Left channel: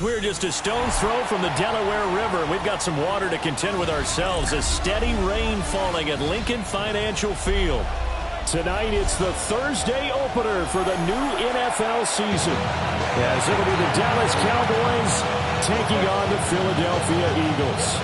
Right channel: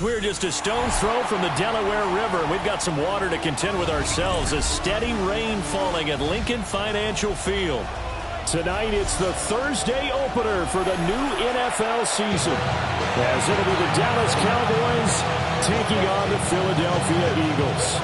We're just a stone's throw from the Delaware River. We've got some water to contend with ourselves. A steady rain falling at Lincoln Financial Field. Tonight, it's the Thursday opener for the new NFL season, as it'll be the Dallas Cowboys taking on the Philadelphia Eagles.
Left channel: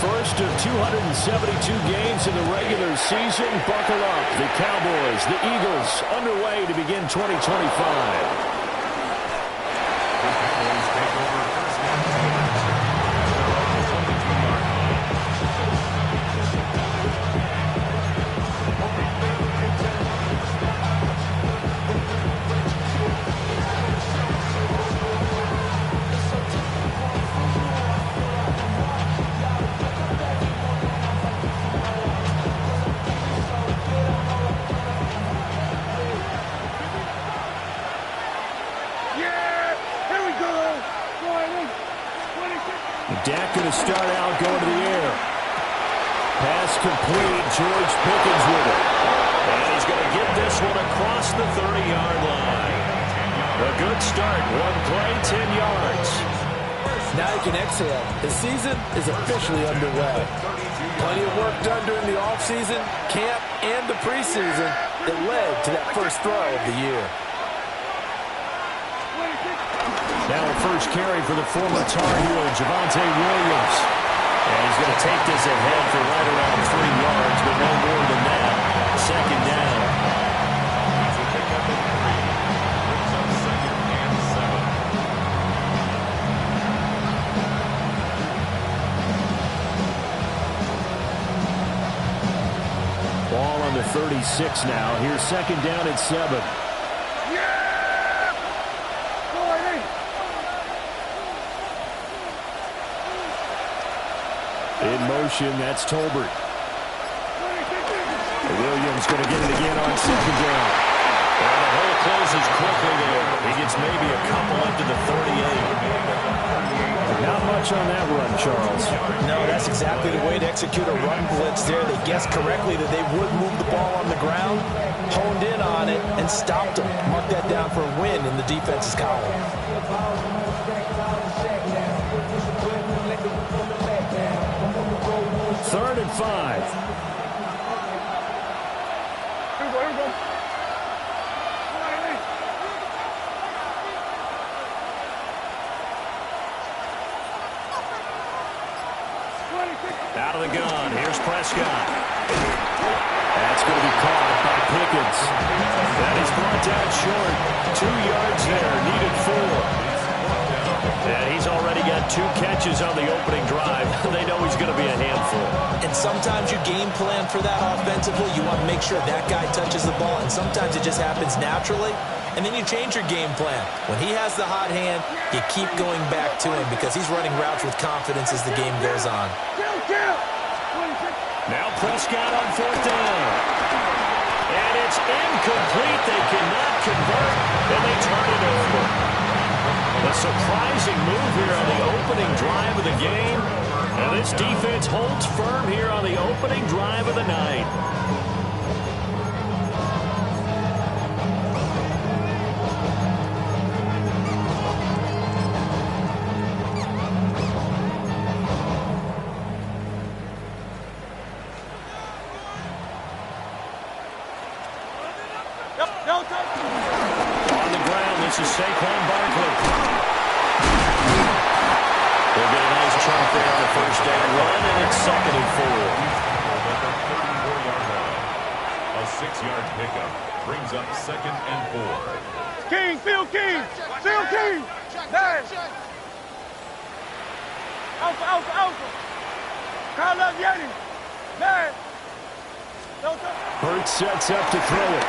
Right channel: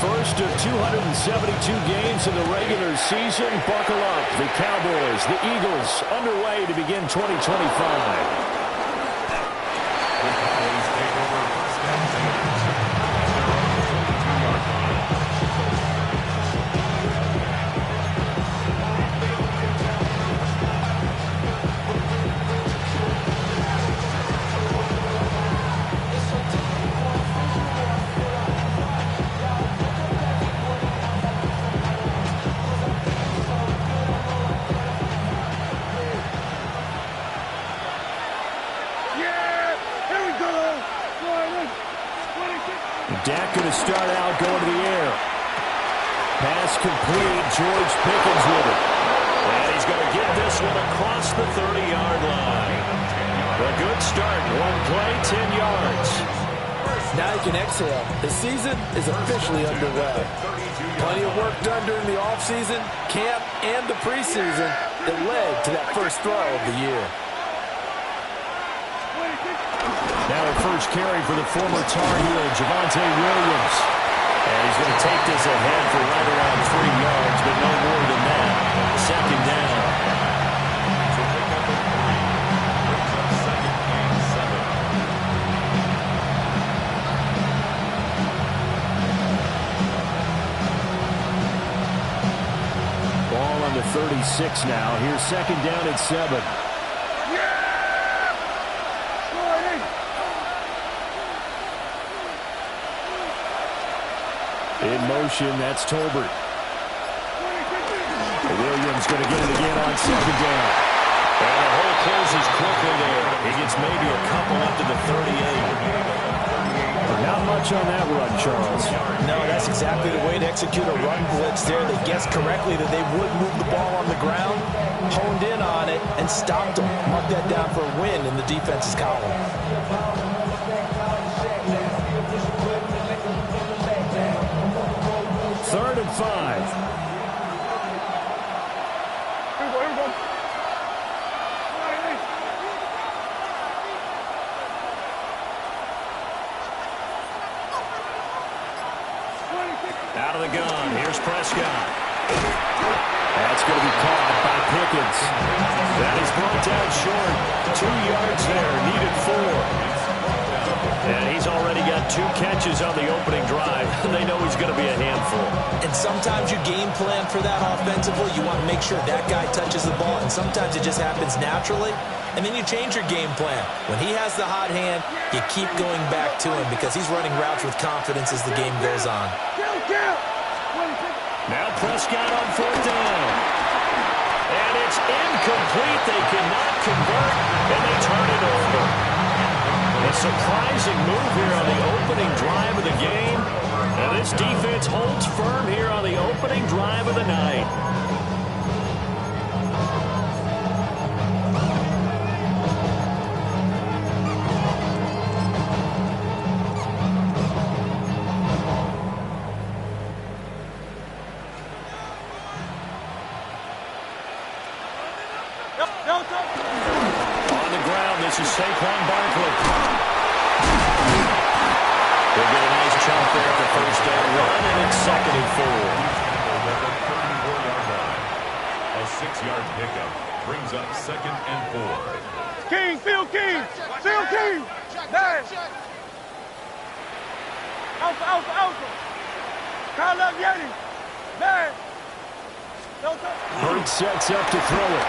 First of 272 games in the regular season. Buckle up. The Cowboys, the Eagles, underway to begin 2025. The Cowboys take over first and 10 at their own 22-yard line. Dak going to start out going to the air. Pass complete. George Pickens with it. And he's going to get this one across the 30-yard line. A good start. One play, 10 yards. Now you can exhale. The season is officially underway. Plenty of work done during the offseason, camp, and the preseason that led to that first throw of the year. Now a first carry for the former Tar Heel, Javonte Williams. And he's going to take this ahead for right around 3 yards, but no more than that. Second down. So pick up at 3. Brings up second and 7. Ball on the 36 now. Here's second down at 7. In motion, that's Tolbert. Williams going to get it again on second down. And the hole closes quickly there. He gets maybe a couple up to the 38. Not much on that run, Charles. No, that's exactly the way to execute a run blitz there. They guessed correctly that they would move the ball on the ground, honed in on it, and stopped them. Mark that down for a win in the defense's column. Third and 5. Here we go. Out of the gun. Here's Prescott. That's going to be caught by Pickens. That is brought down short. 2 yards there. Needed 4. And he's already got 2 catches on the opening drive. They know he's going to be a handful. And sometimes you game plan for that offensively. You want to make sure that guy touches the ball, and sometimes it just happens naturally. And then you change your game plan. When he has the hot hand, you keep going back to him because he's running routes with confidence as the game goes on. Now Prescott on fourth down. And it's incomplete. They cannot convert, and they turn it over. A surprising move here on the opening drive of the game. And this defense holds firm here on the opening drive of the night. On the ground, this is Saquon Barkley. They'll get a nice chunk there on the first down run, and it's second and 4. At the 34-yard line. A 6-yard pickup brings up second and 4. King, Phil King. Phil King. There. Alpha, Alpha, Alpha. Kyle Yeti. There. Hurts sets up to throw it.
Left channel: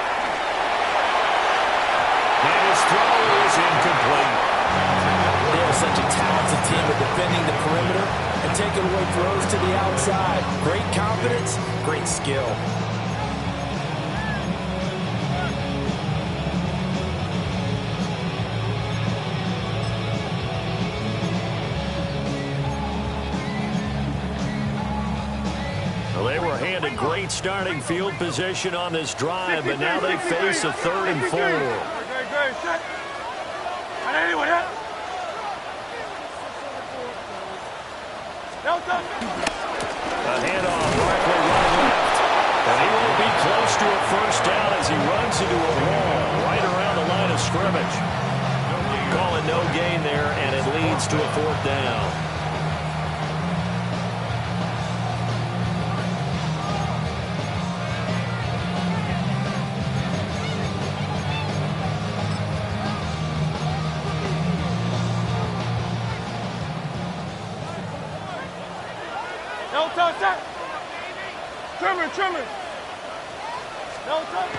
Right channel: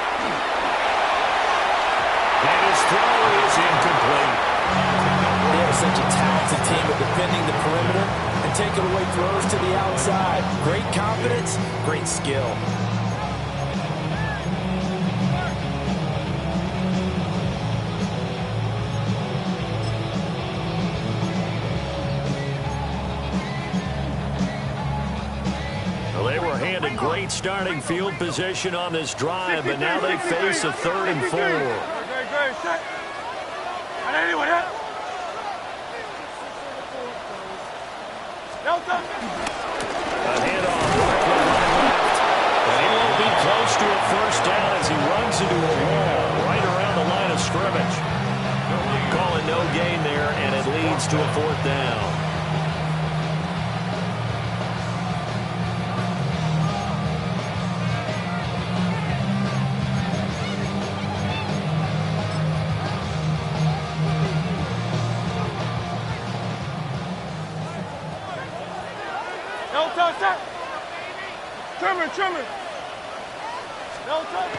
And his throw is incomplete. They have such a talented team at defending the perimeter and taking away throws to the outside. Great confidence, great skill. a great starting field position on this drive, but now they face a 3rd and 4. Good, set. And anyway, that. No touch. A handoff, Barkley running left. And he won't be close to a first down as he runs into a wall right around the line of scrimmage. Calling no gain there, and it leads to a 4th down. No touch, set. Trimmer. No touch.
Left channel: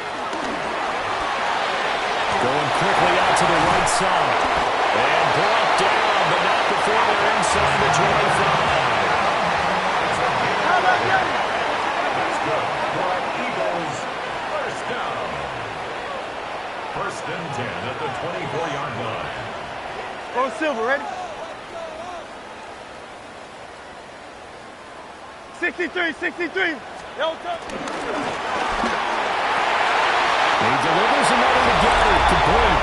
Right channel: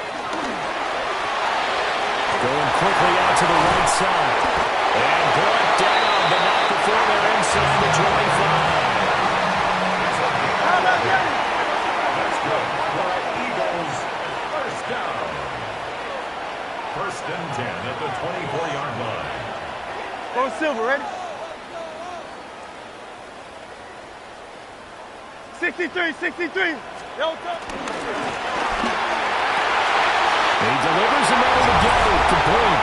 Going quickly out to the right side. And brought down, but not before they're inside the 25. How about Getty? That's good. For Eagles, first down. 1st and 10 at the 24-yard line. Go Silver, ready? 63. No touch. He delivers another to Getty, complete.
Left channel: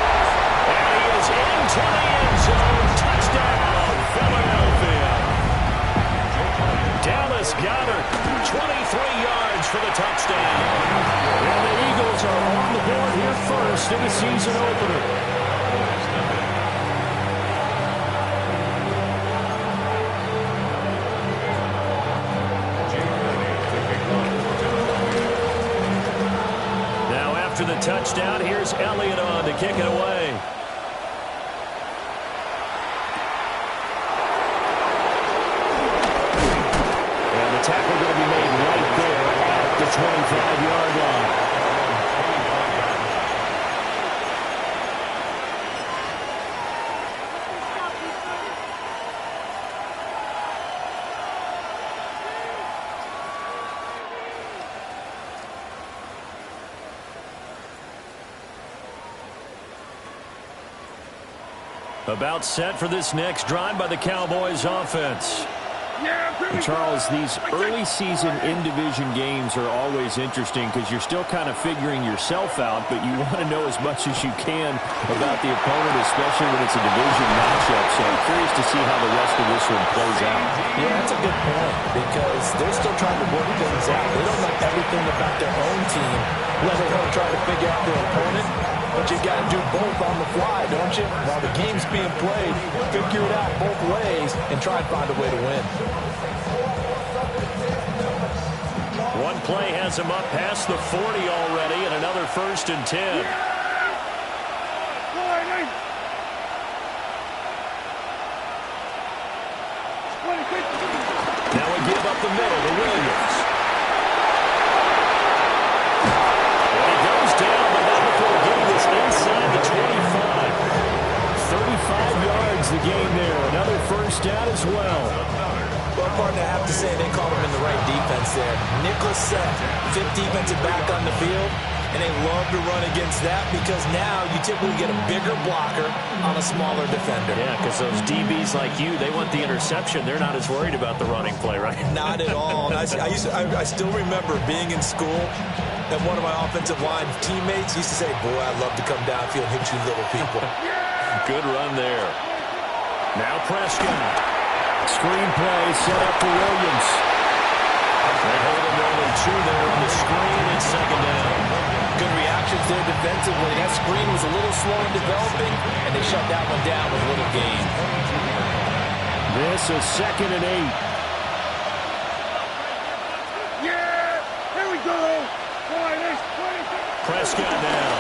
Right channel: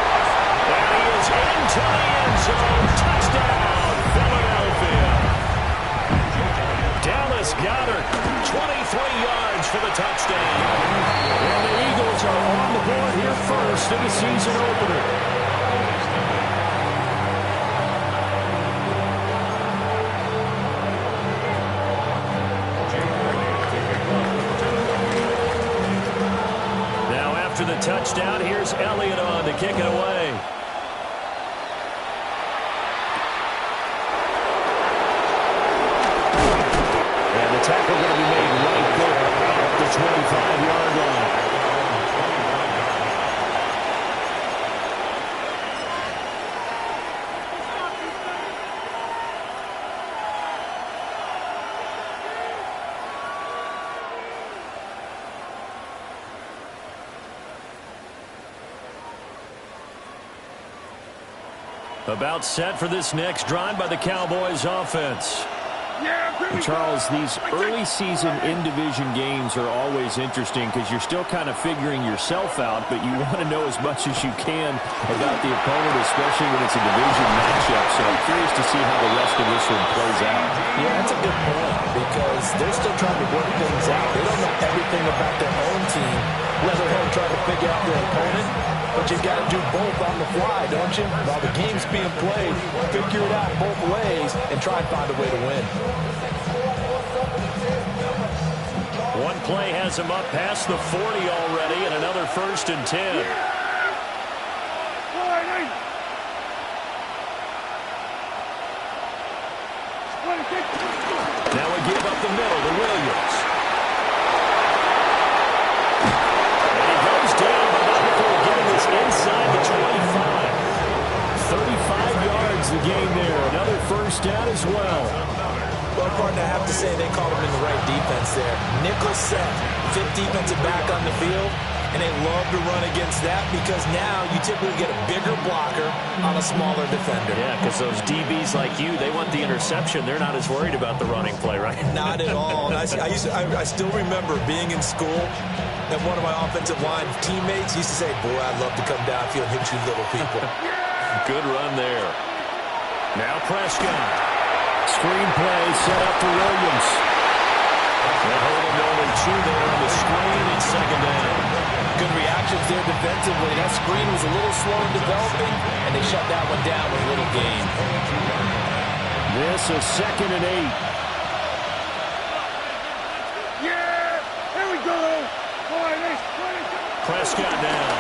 And he is into the end zone. Touchdown, Philadelphia. Dallas Goedert, 23 yards for the touchdown. And the Eagles are on the board here first in the season opener. After the touchdown, here's Elliott on to kick it away. And the tackle going to be made right there at the 25-yard line. About set for this next drive by the Cowboys offense. Charles, these early season in-division games are always interesting because you're still kind of figuring yourself out, but you want to know as much as you can about the opponent, especially when it's a division matchup. So I'm curious to see how the rest of this one plays out. Yeah, that's a good point because they're still trying to work things out. They don't know everything about their own team, let alone trying to figure out their opponent. But you've got to do both on the fly, don't you? While the game's being played, figure it out both ways and try and find a way to win. One play has him up past the 40 already, and another 1st and 10. Now we give up the middle to Williams. And he goes down, but not before getting this inside the 25. 35 yards the gain there. Another first down as well. Well, partner, I have to say they called him in the right defense there. Nickel set, 5th defensive back on the field, and they love to run against that because now you typically get a bigger blocker on a smaller defender. Yeah, because those DBs like you, they want the interception. They're not as worried about the running play, right? Not at all. I still remember being in school, and one of my offensive line teammates used to say, boy, I'd love to come downfield and hit you little people. Good run there. Now Prescott. Screen play set up for Williams. They hold him to only 2 there on the screen. It's 2nd down. Good reactions there defensively. That screen was a little slow in developing, and they shut that one down with little gain. This is 2nd and 8. Yeah! Here we go! Boy, that's 20. Prescott down.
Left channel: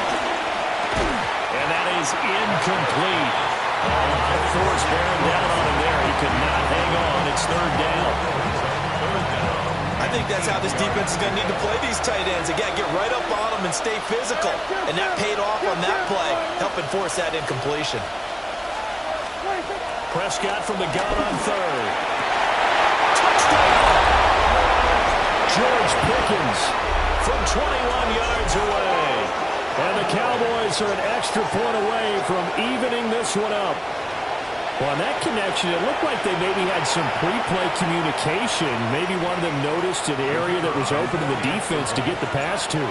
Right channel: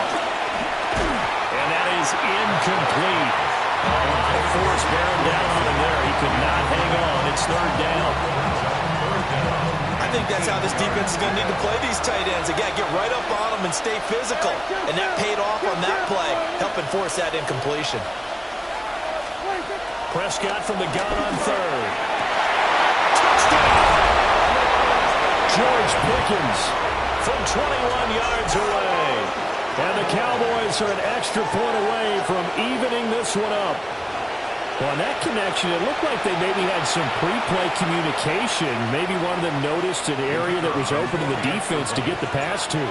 And that is incomplete. A lot of force bearing down on him there. He could not hang on. It's 3rd down. I think that's how this defense is going to need to play these tight ends. Again, get right up on them and stay physical. And that paid off on that play, helping force that incompletion. Prescott from the gun on 3rd. Touchdown! George Pickens from 21 yards away. And the Cowboys are an extra point away from evening this one up. Well, on that connection, it looked like they maybe had some pre-play communication. Maybe one of them noticed an area that was open to the defense to get the pass to.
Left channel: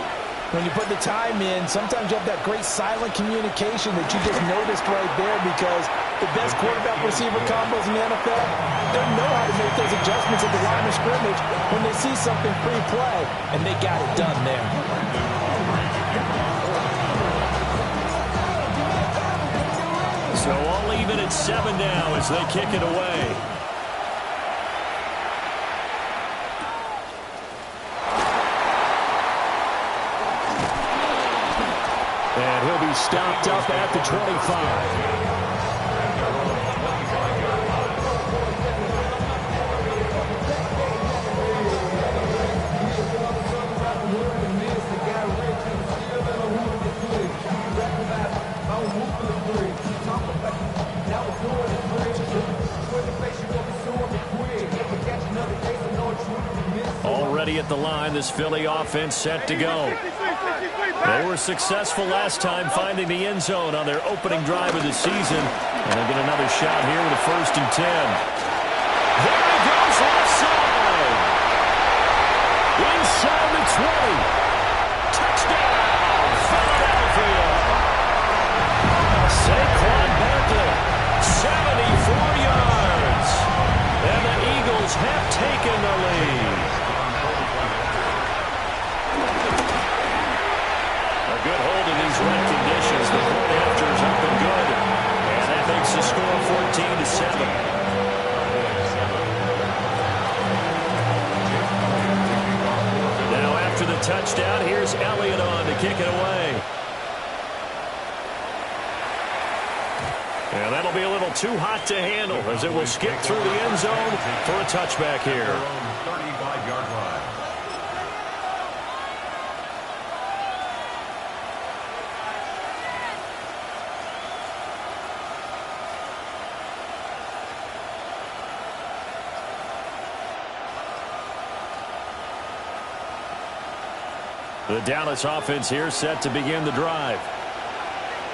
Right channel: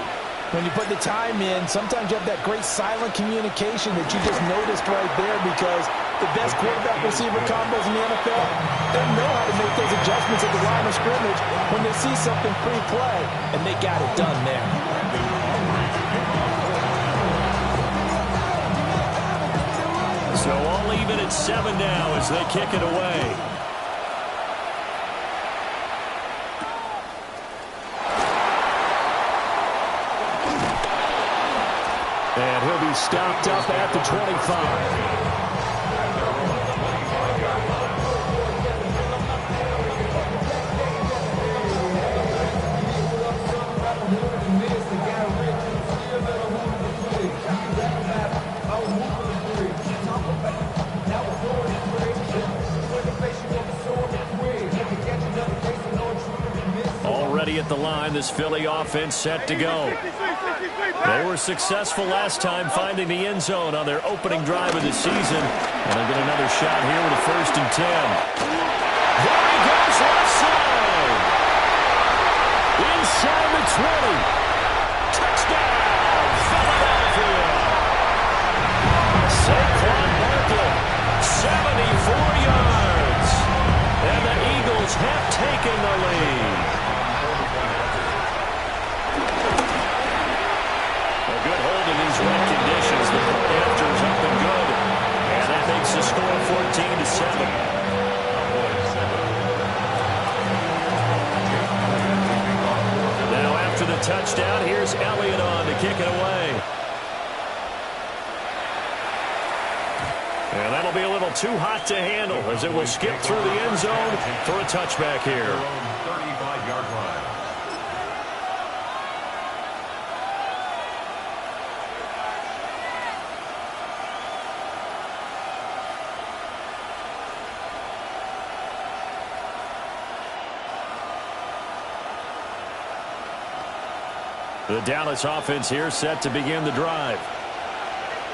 When you put the time in, sometimes you have that great silent communication that you just noticed right there, because the best quarterback-receiver combos in the NFL, they know how to make those adjustments at the line of scrimmage when they see something pre-play, and they got it done there. So all even at 7 now as they kick it away. And he'll be stopped up at the 25. Already at the line, this Philly offense set to go. They were successful last time finding the end zone on their opening drive of the season. And they'll get another shot here with a 1st and 10. There he goes, left side. Inside the 20. Touchdown, Philadelphia. Saquon Barkley, 74 yards. And the Eagles have taken the lead. A good hold in these wet conditions. The point after is up and good. And that makes the score 14-7. Now after the touchdown, here's Elliott on to kick it away. And that'll be a little too hot to handle as it will skip through the end zone for a touchback here. 35-yard line. The Dallas offense here set to begin the drive.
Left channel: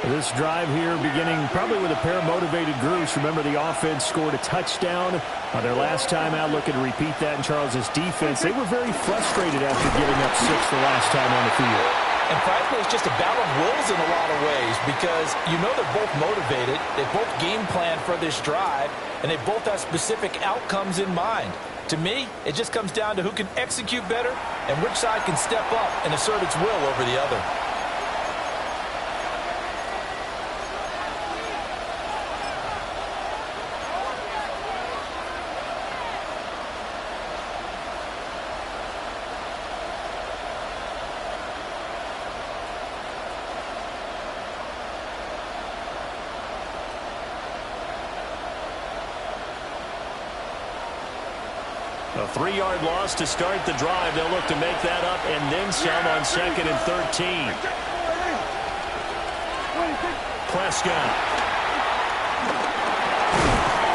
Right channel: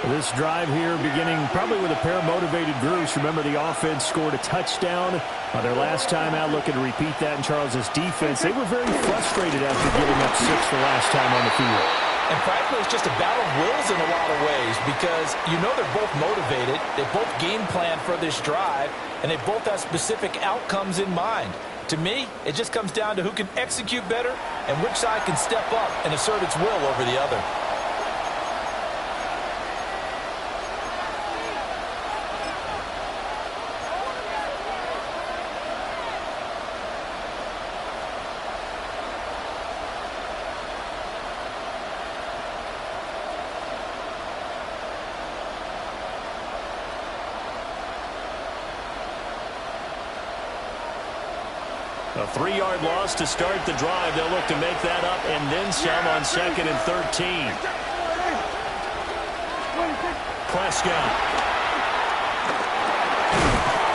This drive here beginning probably with a pair of motivated groups. Remember, the offense scored a touchdown on their last time out. Looking to repeat that in Charles's defense. They were very frustrated after giving up 6 the last time on the field. And frankly, it's just a battle of wills in a lot of ways, because you know they're both motivated. They both game plan for this drive, and they both have specific outcomes in mind. To me, it just comes down to who can execute better and which side can step up and assert its will over the other. A 3-yard loss to start the drive. They'll look to make that up and then some on 2nd and 13. Prescott.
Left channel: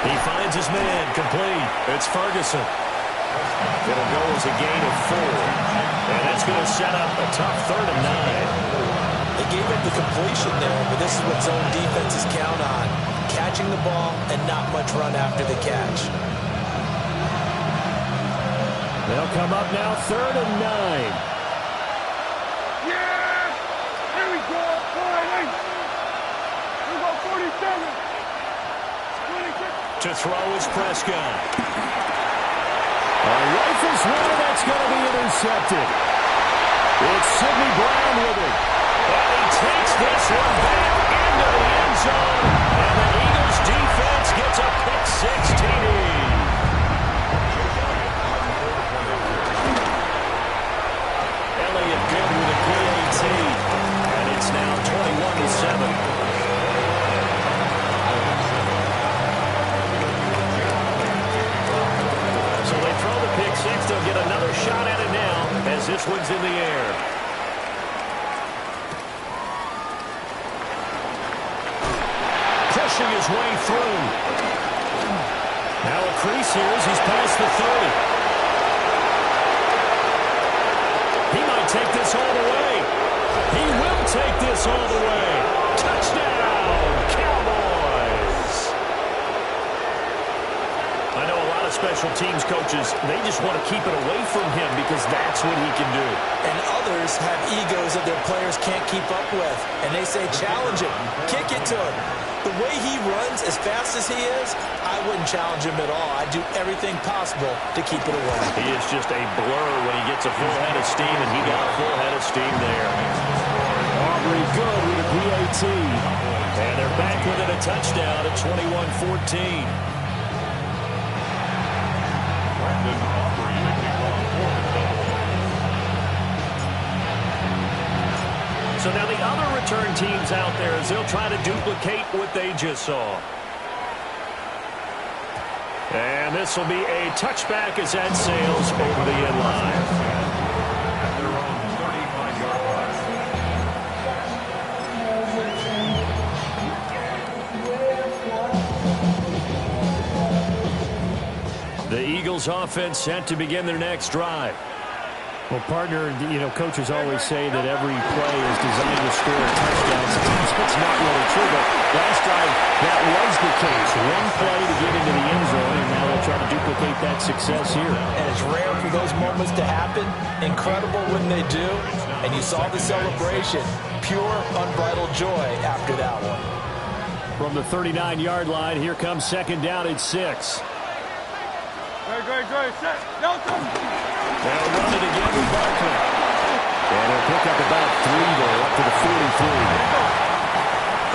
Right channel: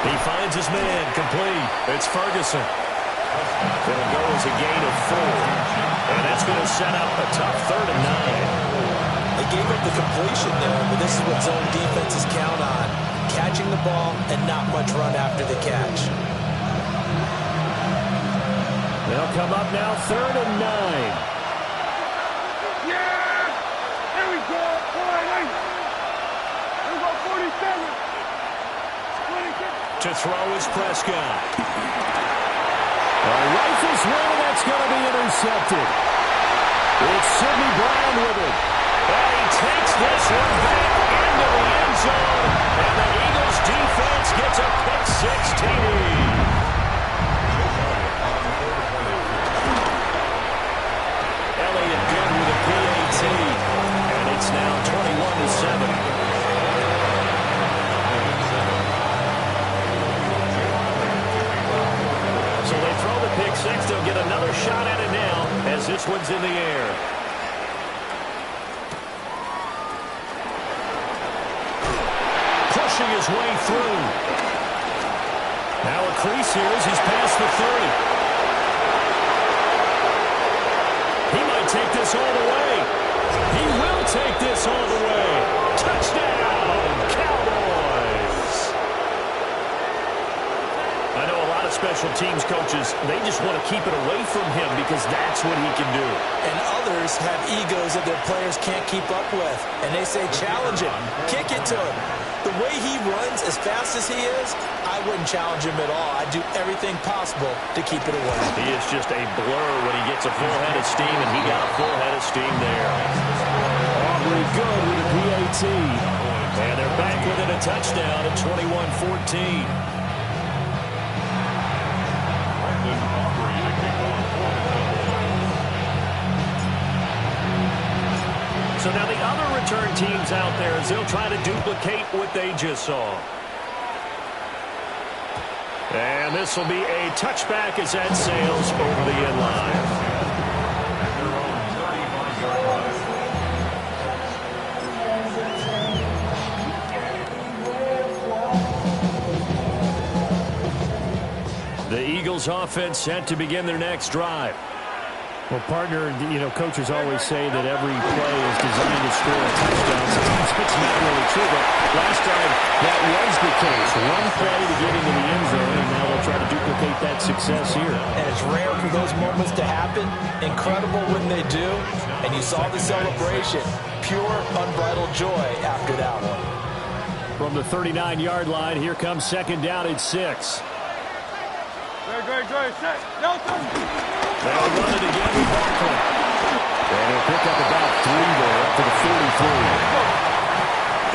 He finds his man, complete. It's Ferguson. It'll go as a gain of 4. And that's going to set up a tough 3rd and 9. They gave up the completion there, but this is what zone defenses count on. Catching the ball and not much run after the catch. They'll come up now 3rd and 9. Yeah! Here we go. Here we go, 47. To throw is Prescott. Rifles one, that's going to be intercepted. It's Sidney Brown with it. And he takes this one back into the end zone. And the Eagles defense gets a pick-6 TD. Elliott good with a PAT, and it's now 21-7. So they throw the pick-6. They'll get another shot at it now as this one's in the air. Pushing his way through. Now a crease here as he's past the 30. He might take this all the way. He will take this all the way. Touchdown, Cowboys. special teams coaches, they just want to keep it away from him because that's what he can do. And others have egos that their players can't keep up with. And they say, challenge him, kick it to him. The way he runs as fast as he is, I wouldn't challenge him at all. I'd do everything possible to keep it away. He is just a blur when he gets a full head of steam, and he got a full head of steam there. Aubrey good with a PAT. And they're back within a touchdown at 21-14. Brandon Aubrey to kick off for the Cowboys. So now the other return teams out there as they'll try to duplicate what they just saw. And this will be a touchback as that sails over the end line. At their own 35-yard line. The Eagles offense set to begin their next drive. Well, partner, coaches always say that every play is designed to score a touchdown. Sometimes it's not really true, but last drive, that was the case. One play to get into the end zone, and now they'll try to duplicate that success here. And it's rare for those moments to happen. Incredible when they do. And you saw the celebration. Pure, unbridled joy after that one. From the 39-yard line, here comes second down at 6. Great. Set. Nelson. They'll run it again with Barkley. And he'll pick up about 3 there, up to the 43.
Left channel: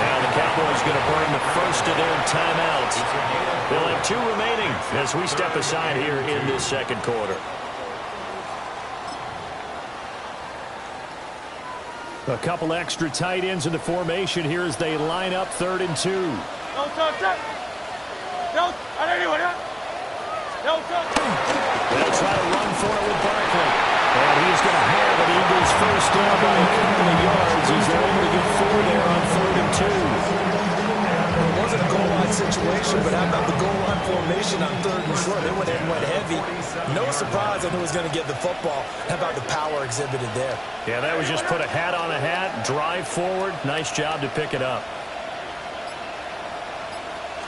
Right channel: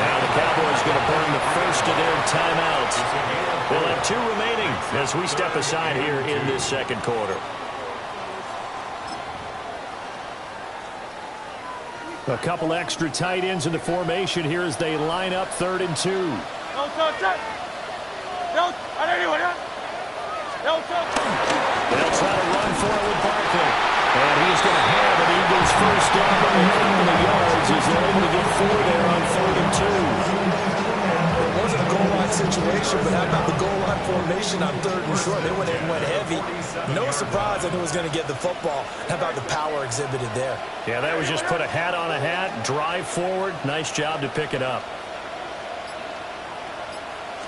Now the Cowboys going to burn the first of their timeouts. They'll have 2 remaining as we step aside here in this second quarter. A couple extra tight ends in the formation here as they line up 3rd and 2. No touch. No, I don't know what. No touch. They'll try to run for it with Barkley. And he's going to have an Eagles first down by a couple of yards as they're able to get 4 there on 3rd and 2. It wasn't a goal line situation, but how about the goal line formation on 3rd and short? They went in and went heavy. No surprise that it was going to get the football. How about the power exhibited there? Yeah, that was just put a hat on a hat, drive forward. Nice job to pick it up.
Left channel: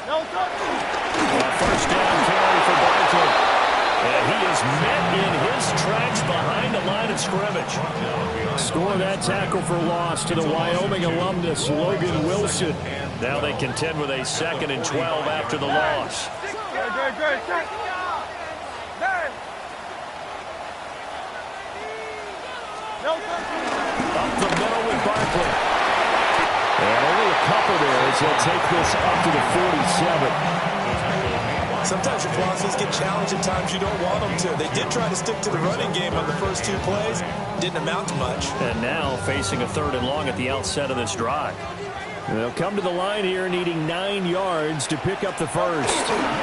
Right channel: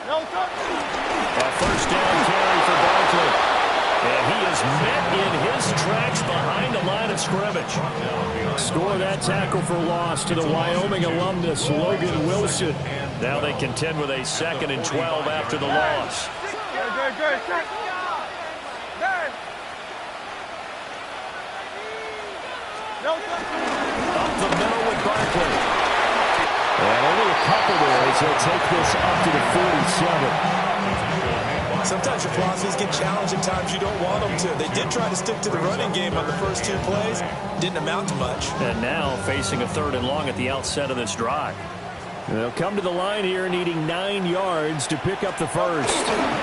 No touch. A first down carry for Barkley. And he is met in his tracks behind the line of scrimmage. Score that tackle for loss to the Wyoming alumnus, Logan Wilson. Now they contend with a 2nd and 12 after the loss. Great. Set. There. No touch. Up the middle with Barkley. And only a couple there as he'll take this up to the 47. Sometimes your philosophies get challenged at times you don't want them to. They did try to stick to the running game on the first 2 plays. Didn't amount to much. And now facing a 3rd and long at the outset of this drive. They'll come to the line here needing 9 yards to pick up the first. Now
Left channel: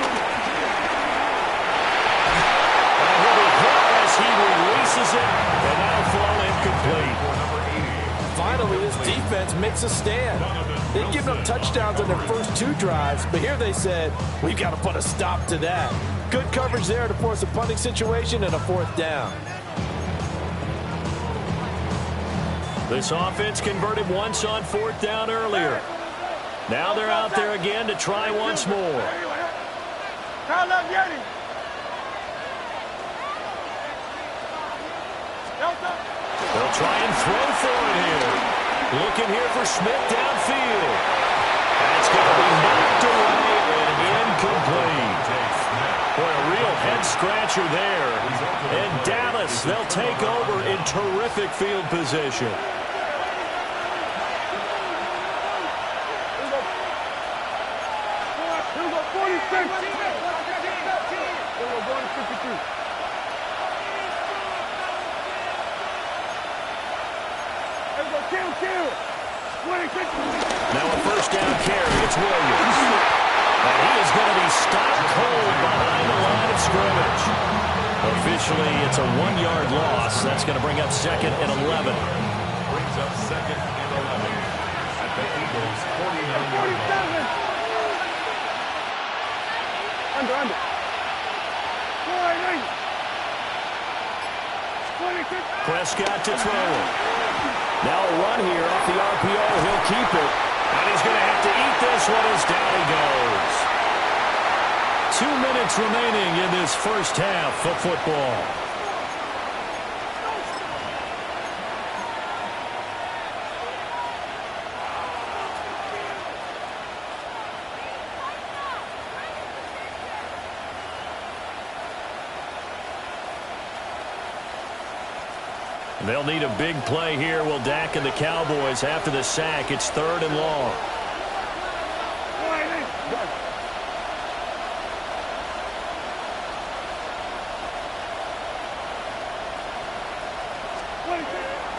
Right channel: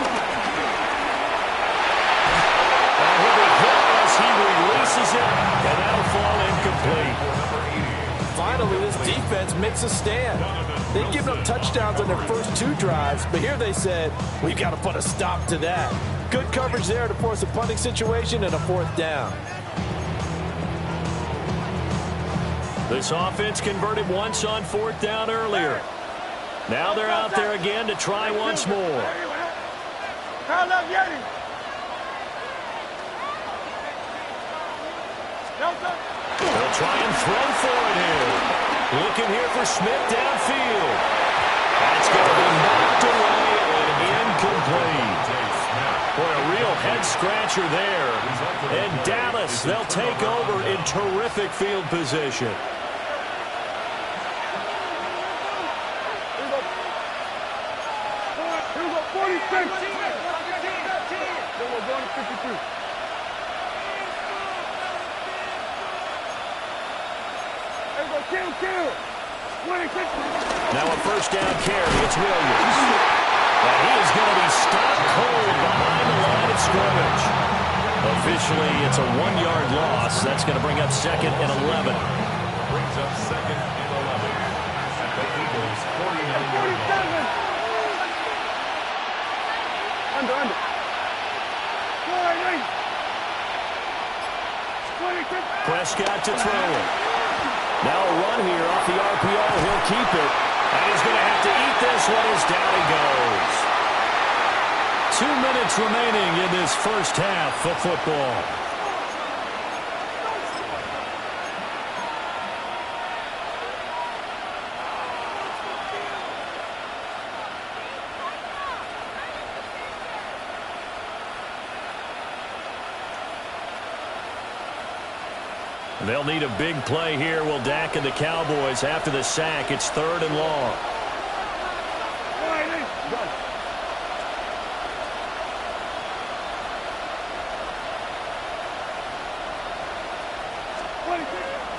he'll be hit as he releases it, and that'll fall incomplete. Finally, this defense makes a stand. They've given up touchdowns on their first 2 drives, but here they said, we've got to put a stop to that. Good coverage there to force a punting situation and a 4th down. This offense converted once on 4th down earlier. Now they're out there again to try once more. They'll try and throw for it here. Looking here for Smith downfield. That's going to be knocked away and incomplete. Boy, a real head-scratcher there. And Dallas, they'll take over in terrific field position. Here we go, 46. Then we're going to 53. Kill. 26. Now a first down carry. It's Williams. And he is going to be stopped cold behind the line of scrimmage. Officially, it's a 1-yard loss. That's going to bring up 2nd and 11. Brings up 2nd and 11 at the Eagles' 49-yard line. Under. 26. Prescott to throw it. Now a run here off the RPO. He'll keep it. And he's going to have to eat this one as down he goes. 2 minutes remaining in this first half of football. They'll need a big play here. Will Dak and the Cowboys after the sack. It's 3rd and long.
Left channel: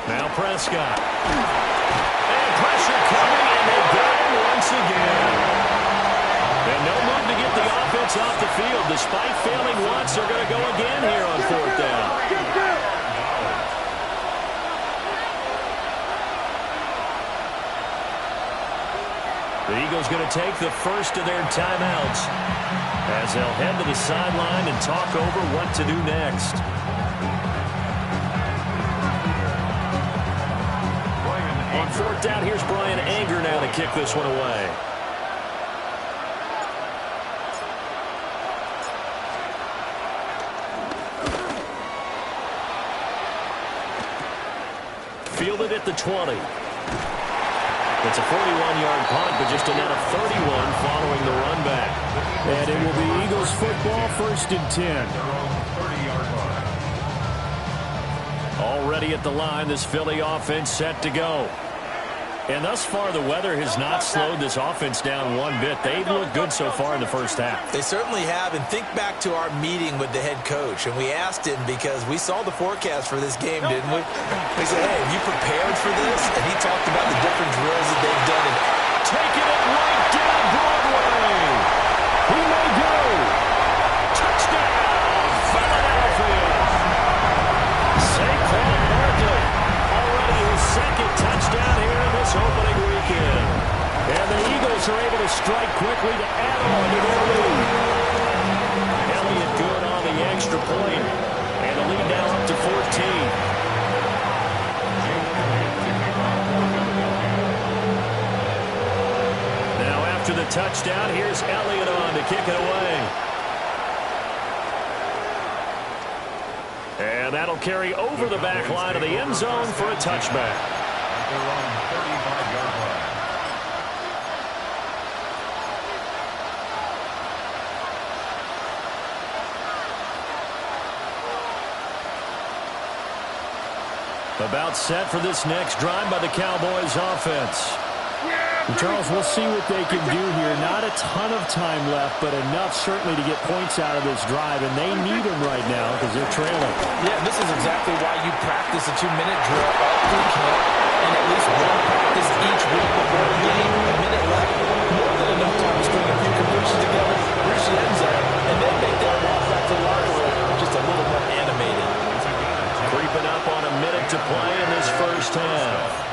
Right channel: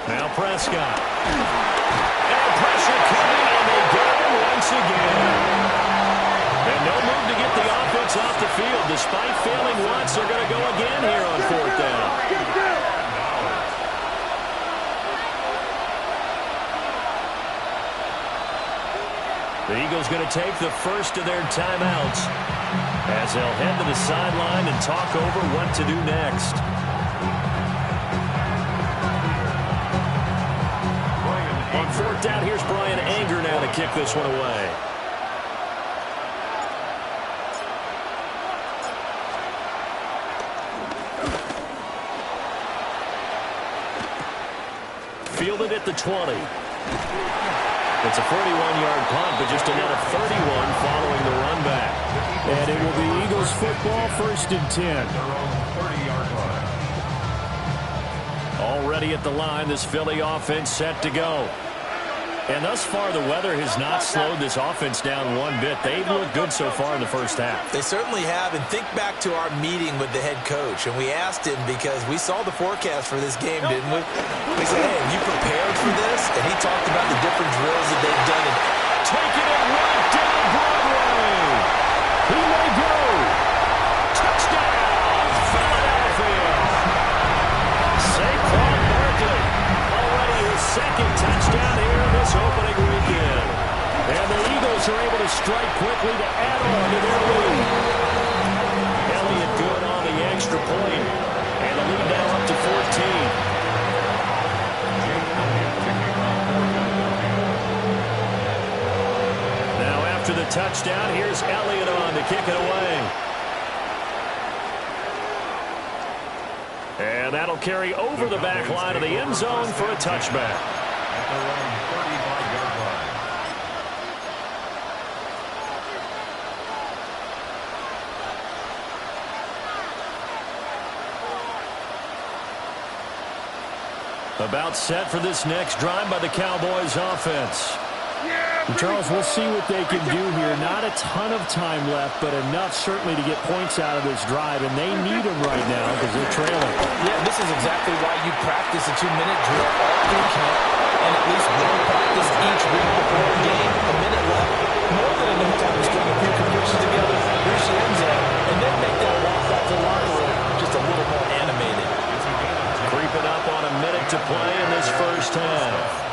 Now Prescott. And pressure coming, and they got him once again. And no move to get the offense off the field. Despite failing once, they're going to go again here on 4th down. The Eagles going to take the first of their timeouts as they'll head to the sideline and talk over what to do next. On 4th down, here's Brian Anger now to kick this one away. Fielded at the 20. It's a 41-yard punt, but just a net of 31 following the run back. And it will be Eagles football, 1st and 10. Their own 30-yard line. Already at the line, this Philly offense set to go. And thus far, the weather has not slowed this offense down one bit. They've looked good so far in the first half. They certainly have, and think back to our meeting with the head coach, and we asked him because we saw the forecast for this game, didn't we? We said, hey, have you prepared for this? And he talked about the different drills that they've done. And taking it right down Broadway. He may go. Touchdown, Philadelphia. Saquon Barkley, already his 2nd touchdown here in this opening weekend. And the Eagles are able to strike quickly to add on to their lead. Elliott good on the extra point. And the lead now up to 14. Now after the touchdown, here's Elliott on to kick it away. And that'll carry over the back line of the end zone for a touchback. At their own 35-yard line. About set for this next drive by the Cowboys offense. Charles, we'll see what they can do here. Not a ton of time left, but enough certainly to get points out of this drive, and they need them right now because they're trailing. yeah, this is exactly why you practice a 2-minute drill all through camp and at least one practice each week before a game. A minute left, more than enough time to string a few completions together, reach the end zone, and then make that walk back to the locker room just a little more animated. Creeping up on a minute to play in this first half.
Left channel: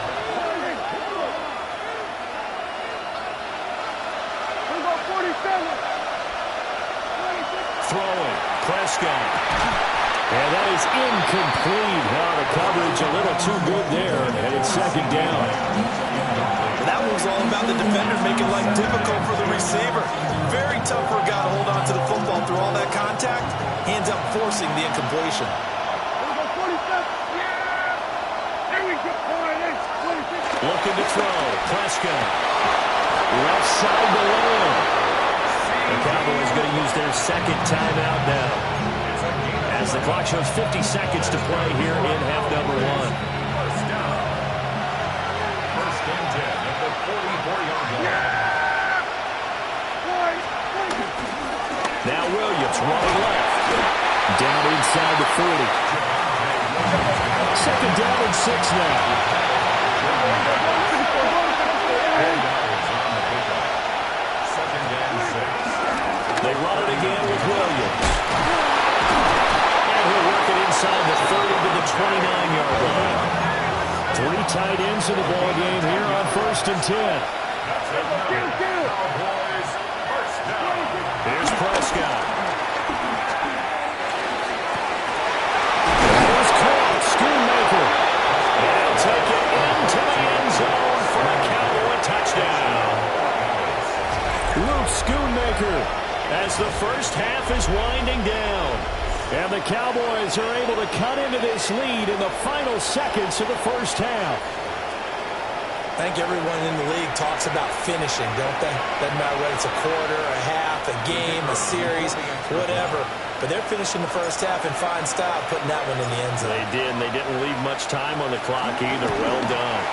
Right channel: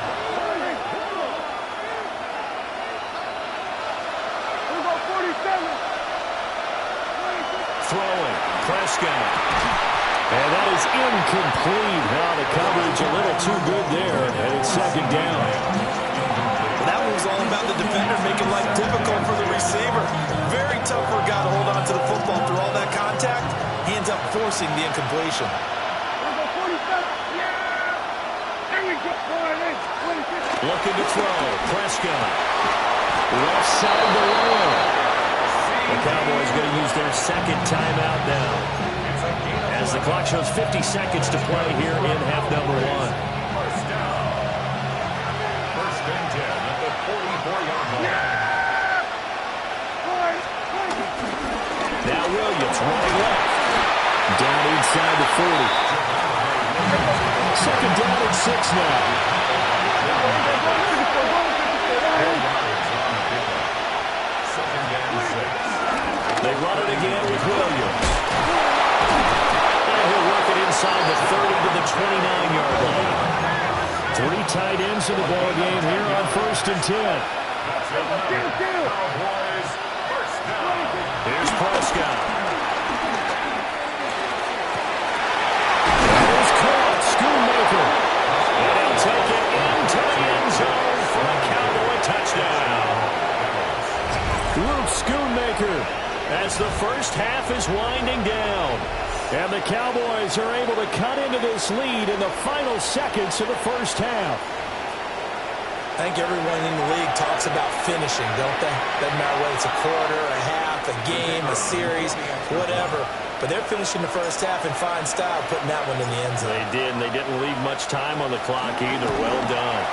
Throwing, Prescott. And that is incomplete. Now the coverage a little too good there, and it's 2nd down. Well, that move's all about the defender making life difficult for the receiver. Very tough for a guy to hold on to the football through all that contact. Hands up, forcing the incompletion. Looking to throw, Prescott. Left side to Lamb. The Cowboys going to use their 2nd timeout now, as the clock shows 50 seconds to play here in half number 1. First down. 1st and 10 at the 44-yard line. Now Williams running left. Down inside the 40. 2nd down and 6 now. They run it again with Williams. And he'll work it inside the 30 to the 29-yard line. 3 tight ends in the ball game here on 1st and 10. Cowboys, first down. Here's Prescott. Here's caught, Schoonmaker. And he'll take it into the end zone for a Cowboy touchdown. Luke Schoonmaker as the first half is winding down. And the Cowboys are able to cut into this lead in the final seconds of the first half. I think everyone in the league talks about finishing, don't they? Doesn't matter whether it's a quarter, a half, a game, a series, whatever. But they're finishing the first half in fine style, putting that one in the end zone. They did, and they didn't leave much time on the clock either. Well done.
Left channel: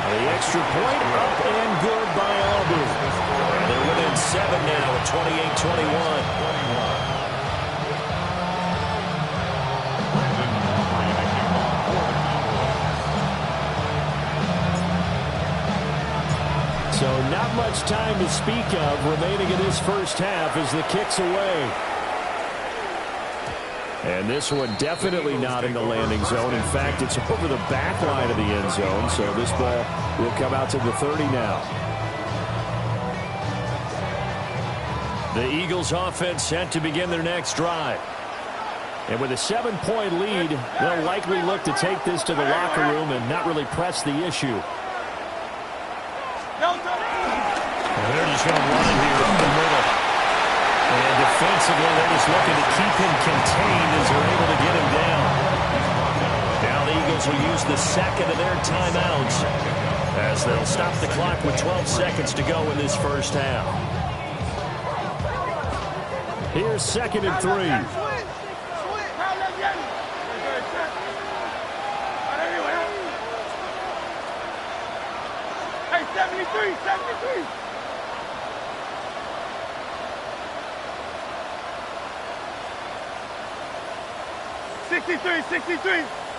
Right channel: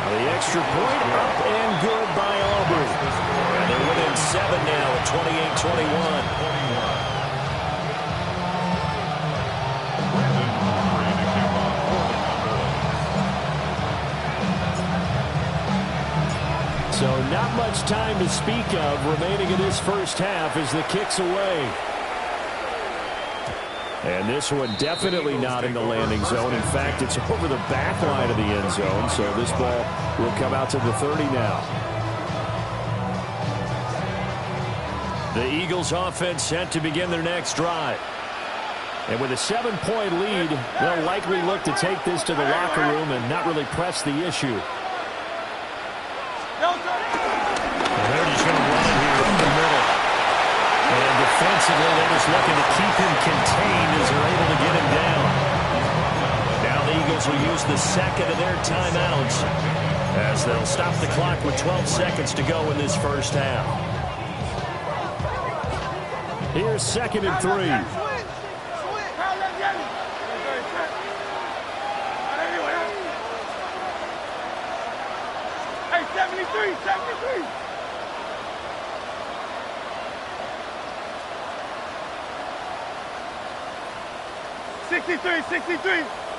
Now the extra point up and good by Auburn. And they're within 7 now at 28-21. So not much time to speak of remaining in this first half as the kick's away. And this one definitely not in the landing zone. In fact, it's over the back line of the end zone. So this ball will come out to the 30 now. The Eagles offense set to begin their next drive. And with a 7-point lead, they'll likely look to take this to the locker room and not really press the issue. And they're just going to run it here up the middle. And defensively, they're just looking to keep him contained as they're able to get him down. Now the Eagles will use the second of their timeouts as they'll stop the clock with 12 seconds to go in this first half. Here's 2nd and 3. Hey, 73.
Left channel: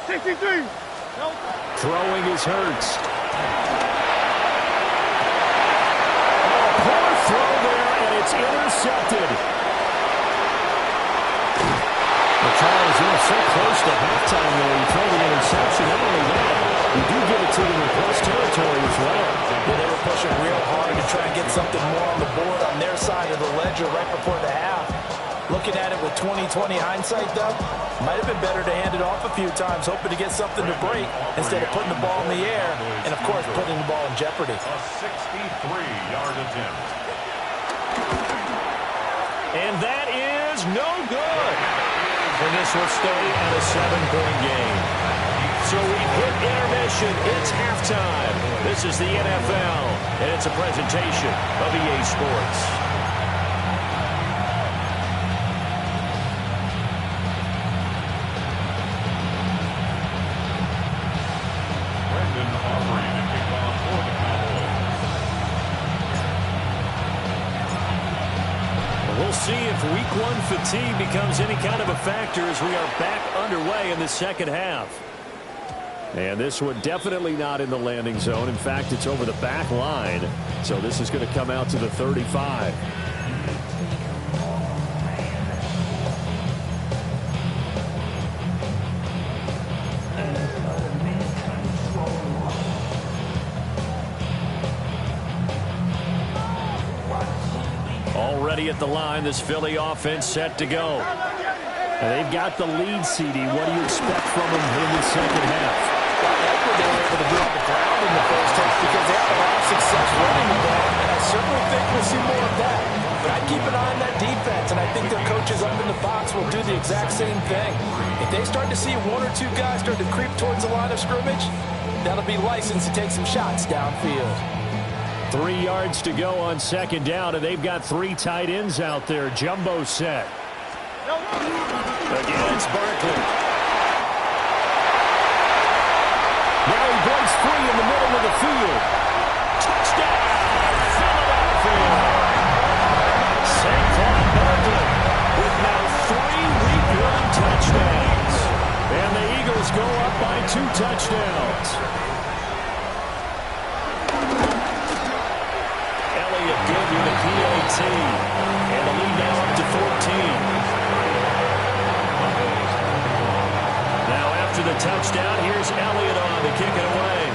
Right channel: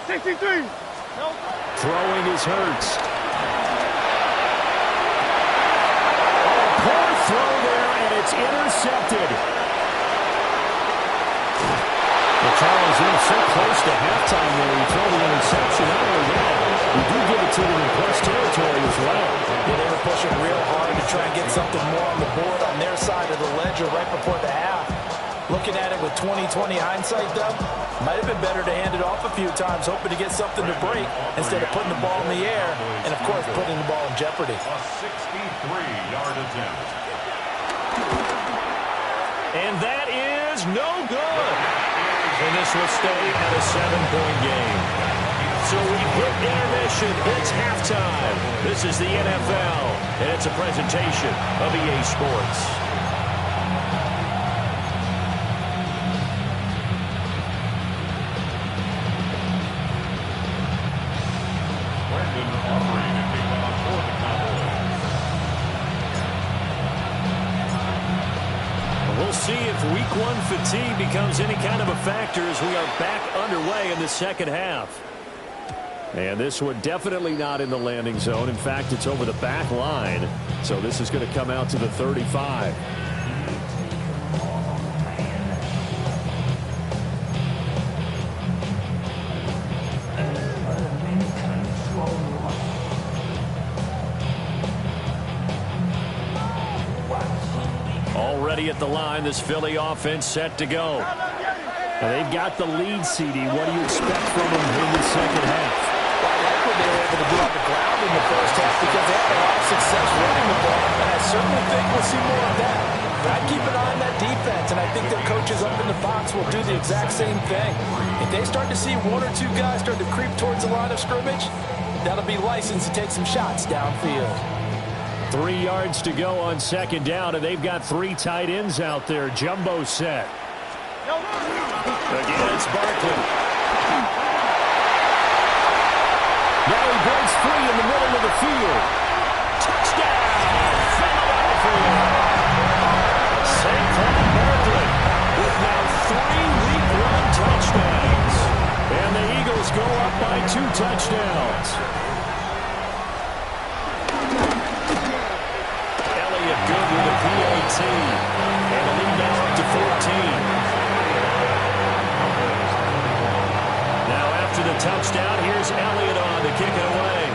63. Throwing is Hurts. Oh, poor throw there, and it's intercepted. Well, Charles, so close to halftime there. You throw the interception. Not only that, you do give it to them in plus territory as well. Yeah, they were pushing real hard to try and get something more on the board on their side of the ledger right before the half. Looking at it with 20/20 hindsight, though, might have been better to hand it off a few times, hoping to get something to break instead of putting the ball in the air and, of course, putting the ball in jeopardy. A 63-yard attempt. And that is no good. And this will stay at a 7-point game. So we've hit intermission. It's halftime. This is the NFL, and it's a presentation of EA Sports. We'll see if Week 1 fatigue becomes any kind of a factor as we are back underway in the second half. And this one definitely not in the landing zone. In fact, it's over the back line. So this is going to come out to the 35. Already at the line, this Philly offense set to go. And they've got the lead, CD. What do you expect from them in the second half? Well, I like what they were able to do on the ground in the first half because they had a lot of success running the ball, and I certainly think we'll see more of that. But I'd keep an eye on that defense, and I think their coaches up in the box will do the exact same thing. If they start to see one or two guys start to creep towards the line of scrimmage, that'll be license to take some shots downfield. 3 yards to go on second down, and they've got 3 tight ends out there. Jumbo set. Again, it's Barkley. Now he breaks free in the middle of the field. Touchdown, Philadelphia. Saquon Barkley with now 3 week-long touchdowns. And the Eagles go up by 2 touchdowns. Elliott good with a PAT. And the lead now up to 14. Now after the touchdown, here's Elliott on to kick it away.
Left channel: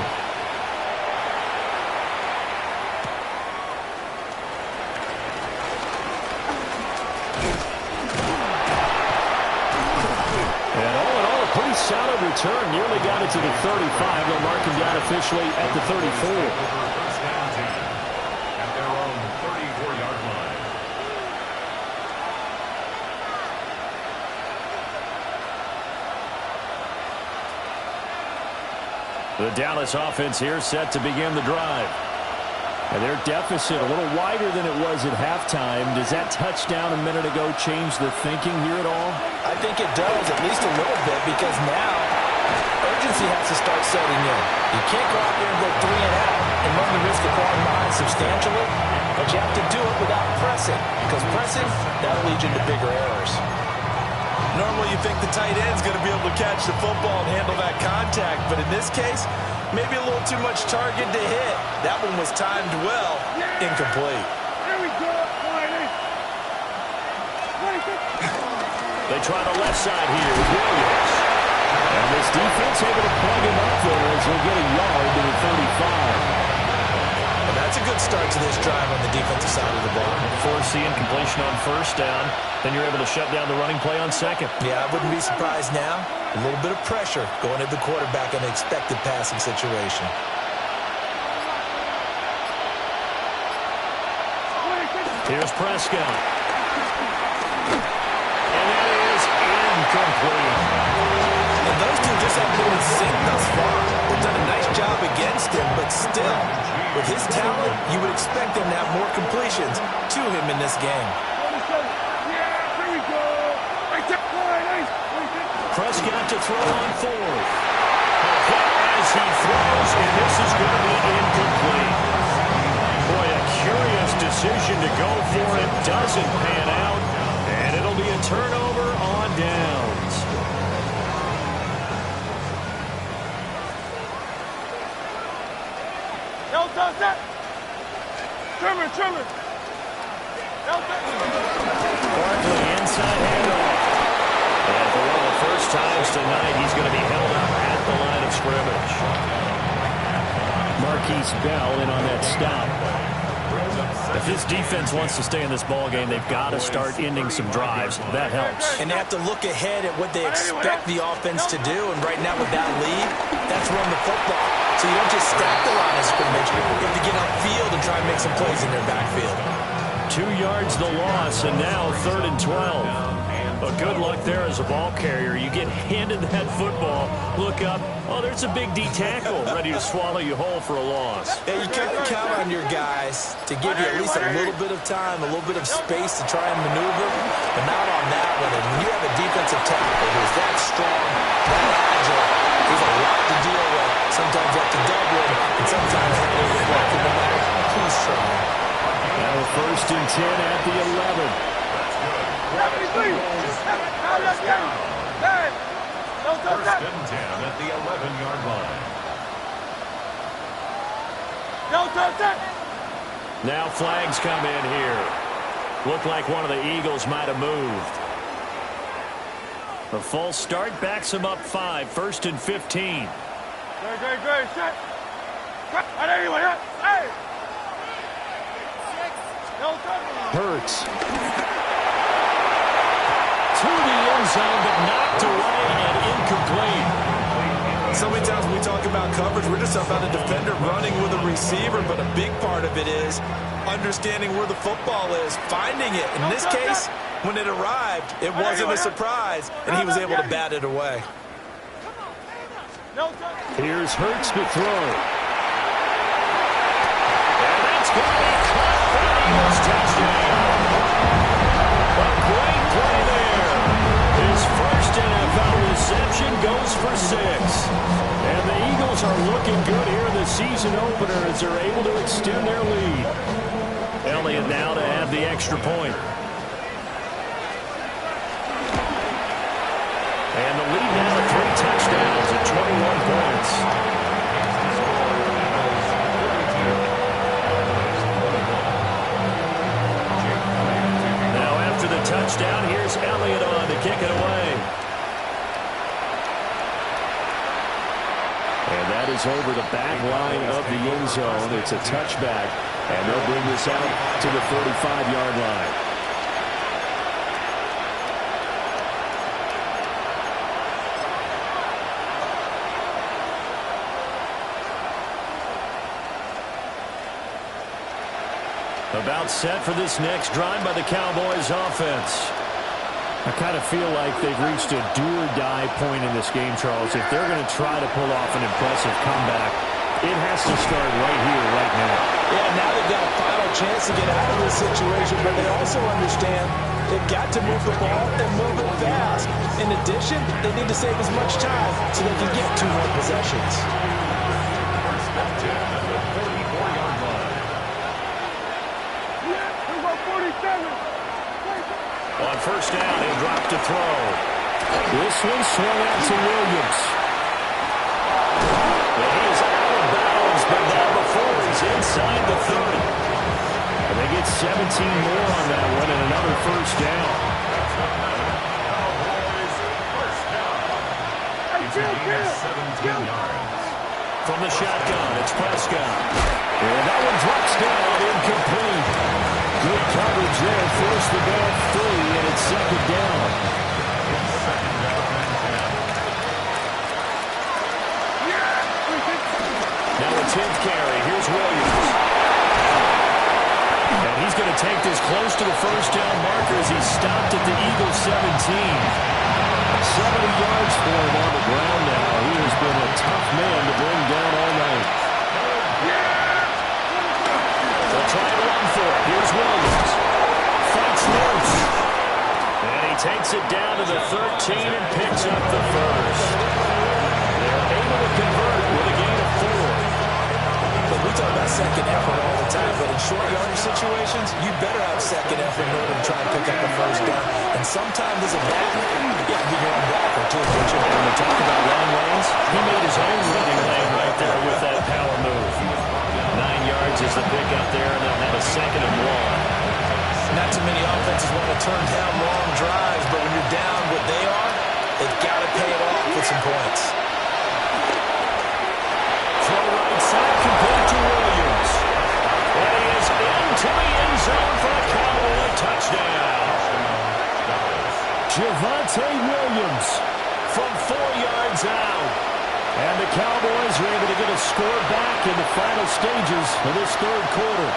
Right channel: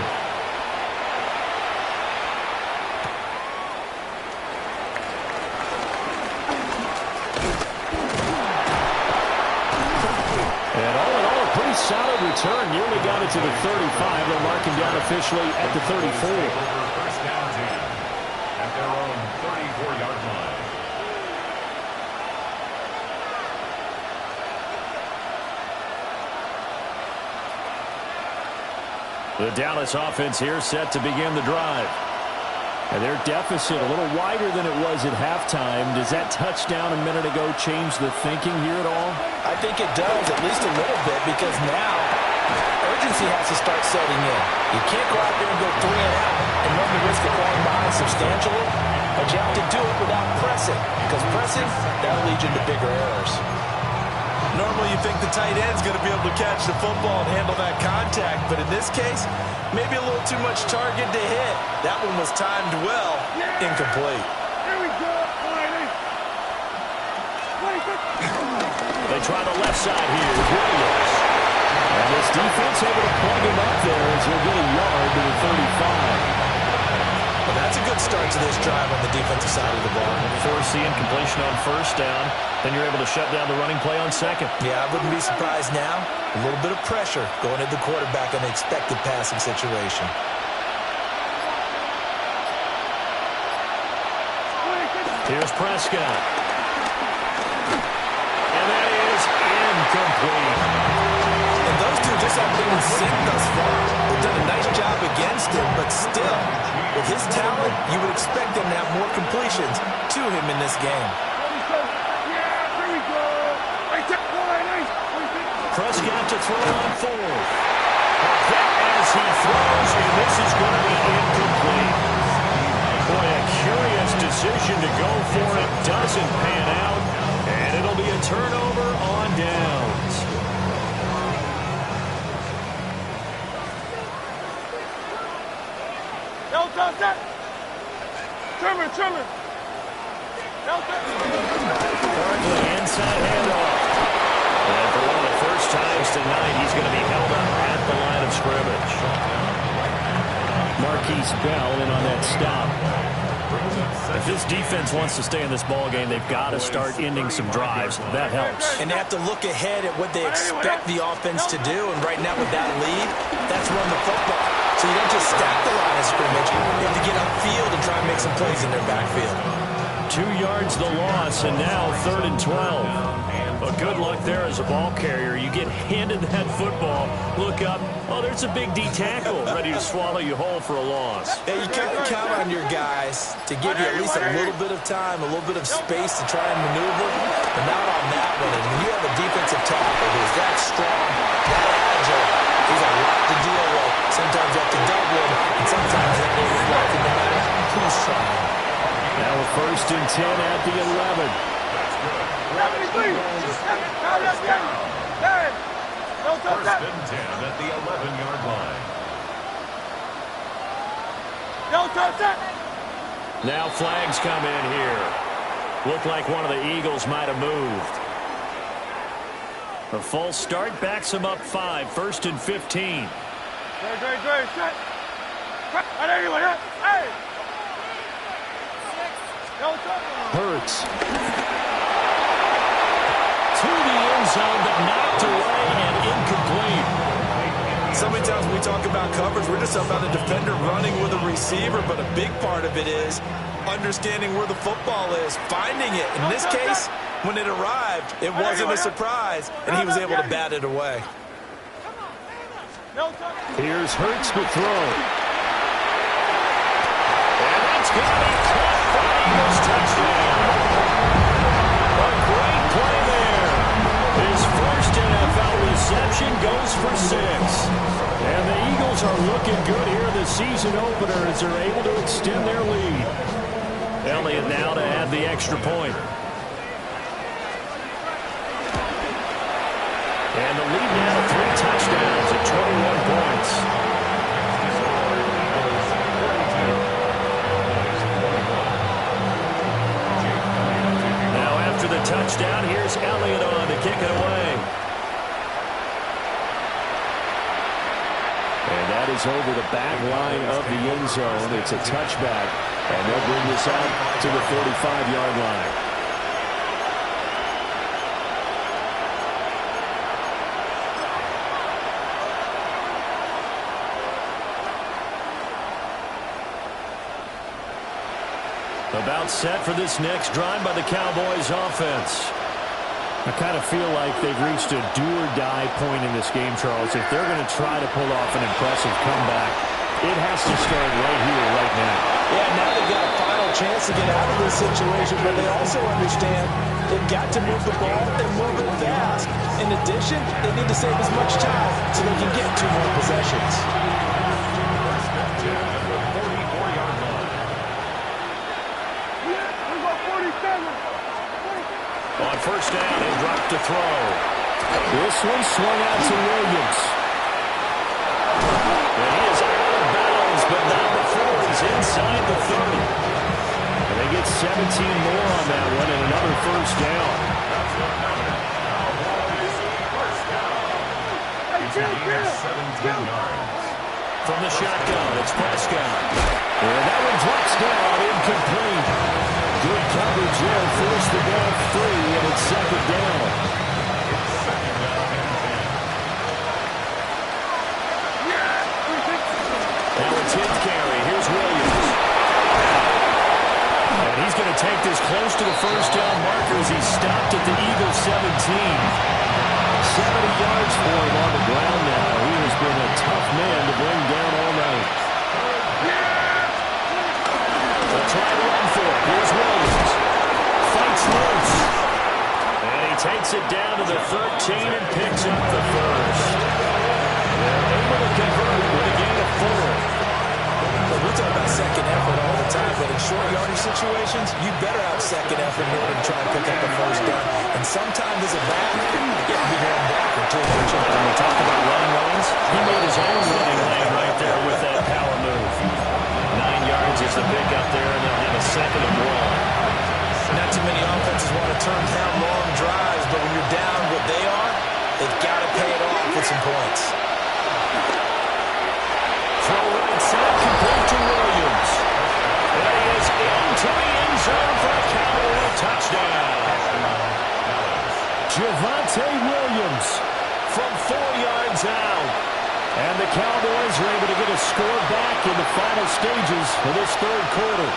And all in all, a pretty solid return. Nearly got it to the 35. They'll mark him down officially at the 34. First down 10 at their own 34-yard line. The Dallas offense here set to begin the drive. And their deficit a little wider than it was at halftime. Does that touchdown a minute ago change the thinking here at all? I think it does, at least a little bit, because now urgency has to start setting in. You can't go out there and go 3 and out and run the risk of falling behind substantially, but you have to do it without pressing, because pressing, that'll lead you to bigger errors. Normally you think the tight end's going to be able to catch the football and handle that contact, but in this case, maybe a little too much target to hit. That one was timed well, incomplete. Here we go. They try the left side here with Williams. And this defense able to plug him up there as he'll get a yard to the 35. Well, that's a good start to this drive on the defensive side of the ball. Force the incompletion on first down. Then you're able to shut down the running play on second. Yeah, I wouldn't be surprised now. A little bit of pressure going at the quarterback in an expected passing situation. Here's Prescott. And that is incomplete. And those two just haven't been in sync thus far. They've done a nice job against him, but still, with his talent, you would expect them to have more completions to him in this game. Prescott to throw on fourth. A hit as he throws, and this is going to be incomplete. Boy, a curious decision to go for it. Doesn't pan out, and it'll be a turnover on downs. Trimmer. Barkley inside handoff. And for one of the first times tonight, he's going to be held up at the line of scrimmage. Marquise Bell in on that stop. If this defense wants to stay in this ballgame, they've got to start ending some drives. That helps. And they have to look ahead at what they expect the offense to do. And right now with that lead, that's run the football. So you don't just stack the line of scrimmage. You have to get upfield and try and make some plays in their backfield. 2 yards the loss, and now 3rd and 12. But good luck there as a ball carrier. You get handed that football, look up, oh, there's a big D tackle ready to swallow you whole for a loss. Yeah, you can't count on your guys to give you at least a little bit of time, a little bit of space to try and maneuver, but not on that one. And when you have a defensive tackle who's that strong, that agile, he's a lot to deal with. Sometimes you have to double him, and sometimes that will reflect no matter who's trying. Now a 1st and 10 at the 11. First and 10 at the 11-yard line. Now flags come in here. Looked like one of the Eagles might have moved. A false start backs him up 5. 1st and 15. Great. Shut. Hey. Hurts. To the end zone, but knocked away and incomplete. So many times when we talk about coverage, we're just about a defender running with a receiver, but a big part of it is understanding where the football is, finding it. In this case, when it arrived, it wasn't a surprise, and he was able to bat it away. Here's Hurts to throw. And that's going to be caught for the Eagles touchdown. A great play there. His first NFL reception goes for 6. And the Eagles are looking good here in the season opener as they're able to extend their lead. Elliott now to add the extra point. And the lead now to 3 touchdowns at 21 points. Now after the touchdown, here's Elliott on to kick it away. And that is over the back line of the end zone. It's a touchback, and they'll bring this out to the 45-yard line. About set for this next drive by the Cowboys offense. I kind of feel like they've reached a do-or-die point in this game, Charles. If they're going to try to pull off an impressive comeback, it has to start right here, right now. Yeah, now they've got a final chance to get out of this situation, but they also understand they've got to move the ball and move it fast. In addition, they need to save as much time so they can get 2 more possessions. First and 10 at the 44-yard line. We got 47. On first down, he'll drop to throw. This one swung out to Williams. And he is out of bounds, but not before he's inside the 30. And they get 17 more on that one and another first down. That's another Cowboys first down. It's a gain of 17 yards. From the shotgun, it's Prescott. And that one drops down, incomplete. Good coverage there, forced the ball free, and it's second down. It's second down and 10. Now a 10th carry. Here's Williams. And he's going to take this close to the first down marker as he stopped at the Eagles 17. 70 yards for him on the ground now. He has been a tough man to bring down all night. They'll try to run for it. Here's Williams. Fights loose. And he takes it down to the 13 and picks up the first. They're able to convert with a gain of 4. Look, we talk about second effort all the time, but in short yardage situations, you better have second effort in order to try and pick up a first down. And sometimes as a back, you have to be your own blocker, too, don't you? When we talk about running lanes, he made his own running lane right there with that power move. 9 yards is the pickup there, and they'll have a second and 1. Not too many offenses want to turn down long drives, but when you're down what they are, they've got to pay it off with some points. Throw right side, complete to Williams. And he is into the end zone for a Cowboy touchdown. Javonte Williams from 4 yards out. And the Cowboys are able to get a score back in the final stages of this third quarter.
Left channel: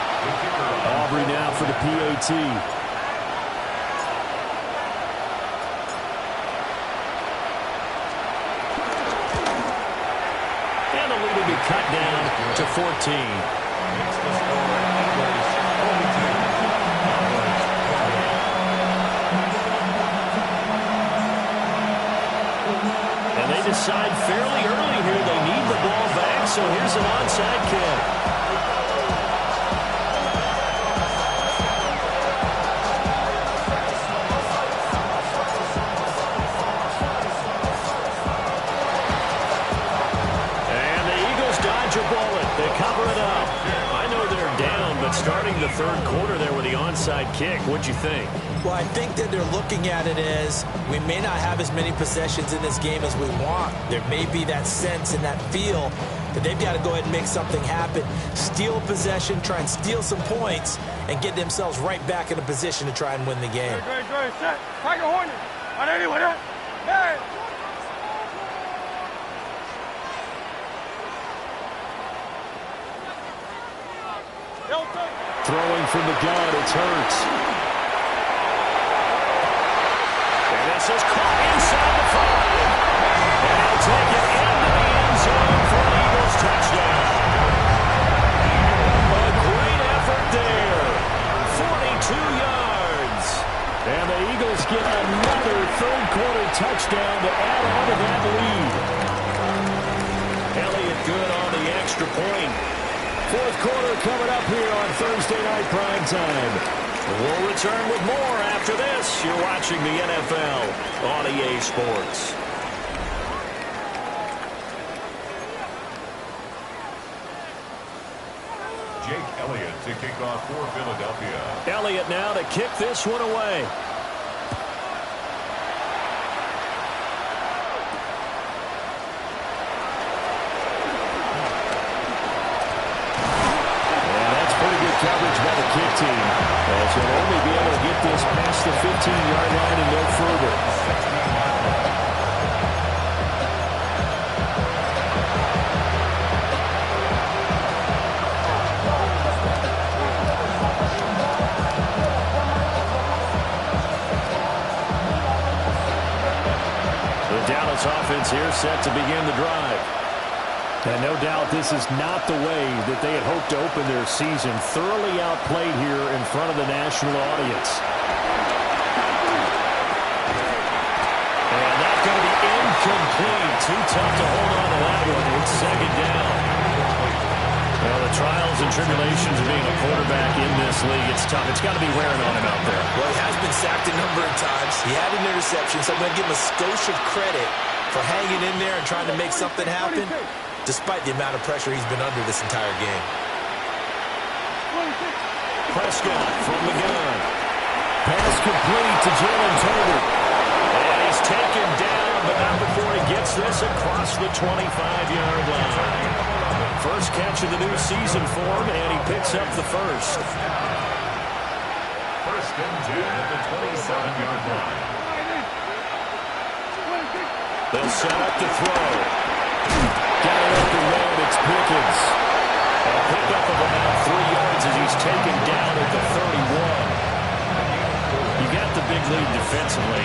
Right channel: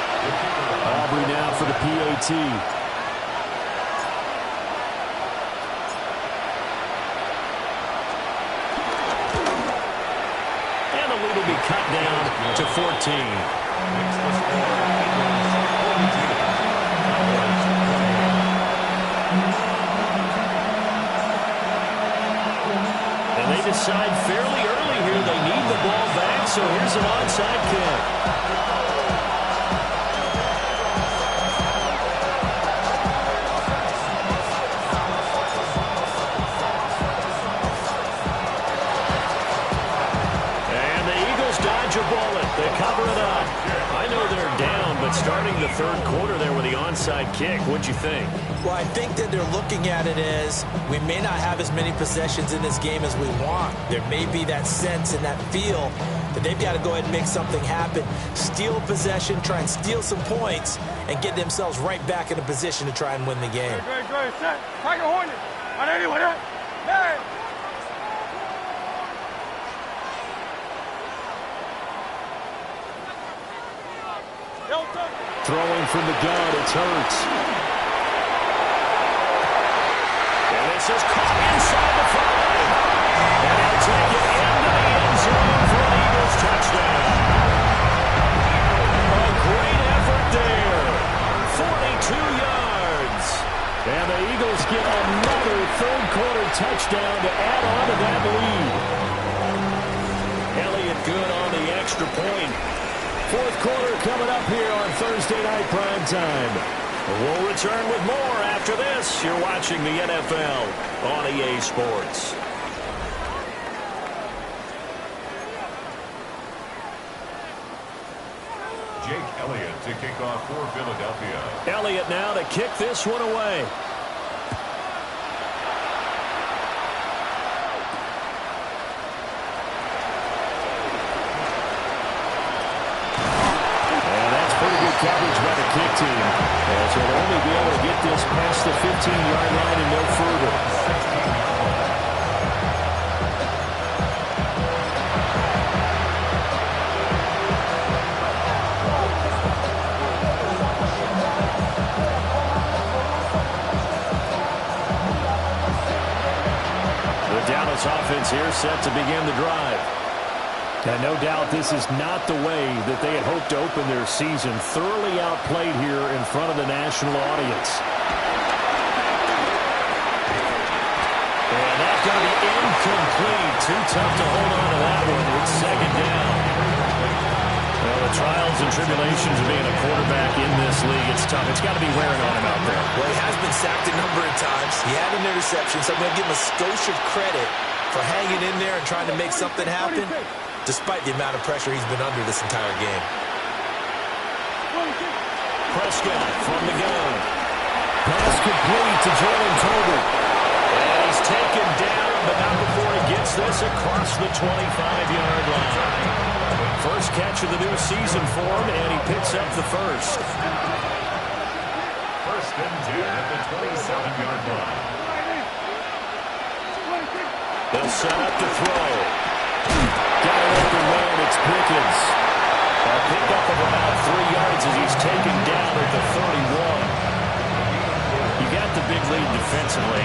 Aubrey now for the PAT. And the lead will be cut down to 14. Makes the score Eagles 42. Cowboys 28. And they decide fairly early here they need the ball back, so here's an onside kick. A bullet. They cover it up. I know they're down, but starting the third quarter there with the onside kick, what'd you think? Well, I think that they're looking at it as we may not have as many possessions in this game as we want. There may be that sense and that feel that they've got to go ahead and make something happen. Steal possession, try and steal some points, and get themselves right back in a position to try and win the game. Great. Set. Tiger Hornet. On anyone, huh? Hey! Throwing from the gun, it's Hurts. And this is caught inside the 5. And he'll take it into the end zone for an Eagles touchdown. A great effort there. 42 yards. And the Eagles get another third quarter touchdown to add on to that lead. Elliott good on the extra point. Fourth quarter coming up here on Thursday Night Prime Time. We'll return with more after this. You're watching the NFL on EA Sports. Jake Elliott to kick off for Philadelphia. Elliott now to kick this one away. Coverage by the kick team, as he'll only be able to get this past the 15-yard line and no further. 16-yard line. This offense here set to begin the drive. And no doubt this is not the way that they had hoped to open their season. Thoroughly outplayed here in front of the national audience. And that's going to be incomplete. Too tough to hold on to that one. It's second down. Well, the trials and tribulations of being a quarterback in this league, it's tough. It's got to be wearing on him out there. Well, he has been sacked a number of times. He had an interception, so I'm going to give him a skosh of credit for hanging in there and trying to make something happen, despite the amount of pressure he's been under this entire game. Prescott from the gun. Pass complete to Jalen Tolbert. And he's taken down, but not before he gets this across the 25-yard line. First catch of the new season for him, and he picks up the first. First and 10 at the 27-yard line. They'll set up to throw. Got it open man, it's Pickens. A pickup of about 3 yards as he's taken down at the 31. You got the big lead defensively.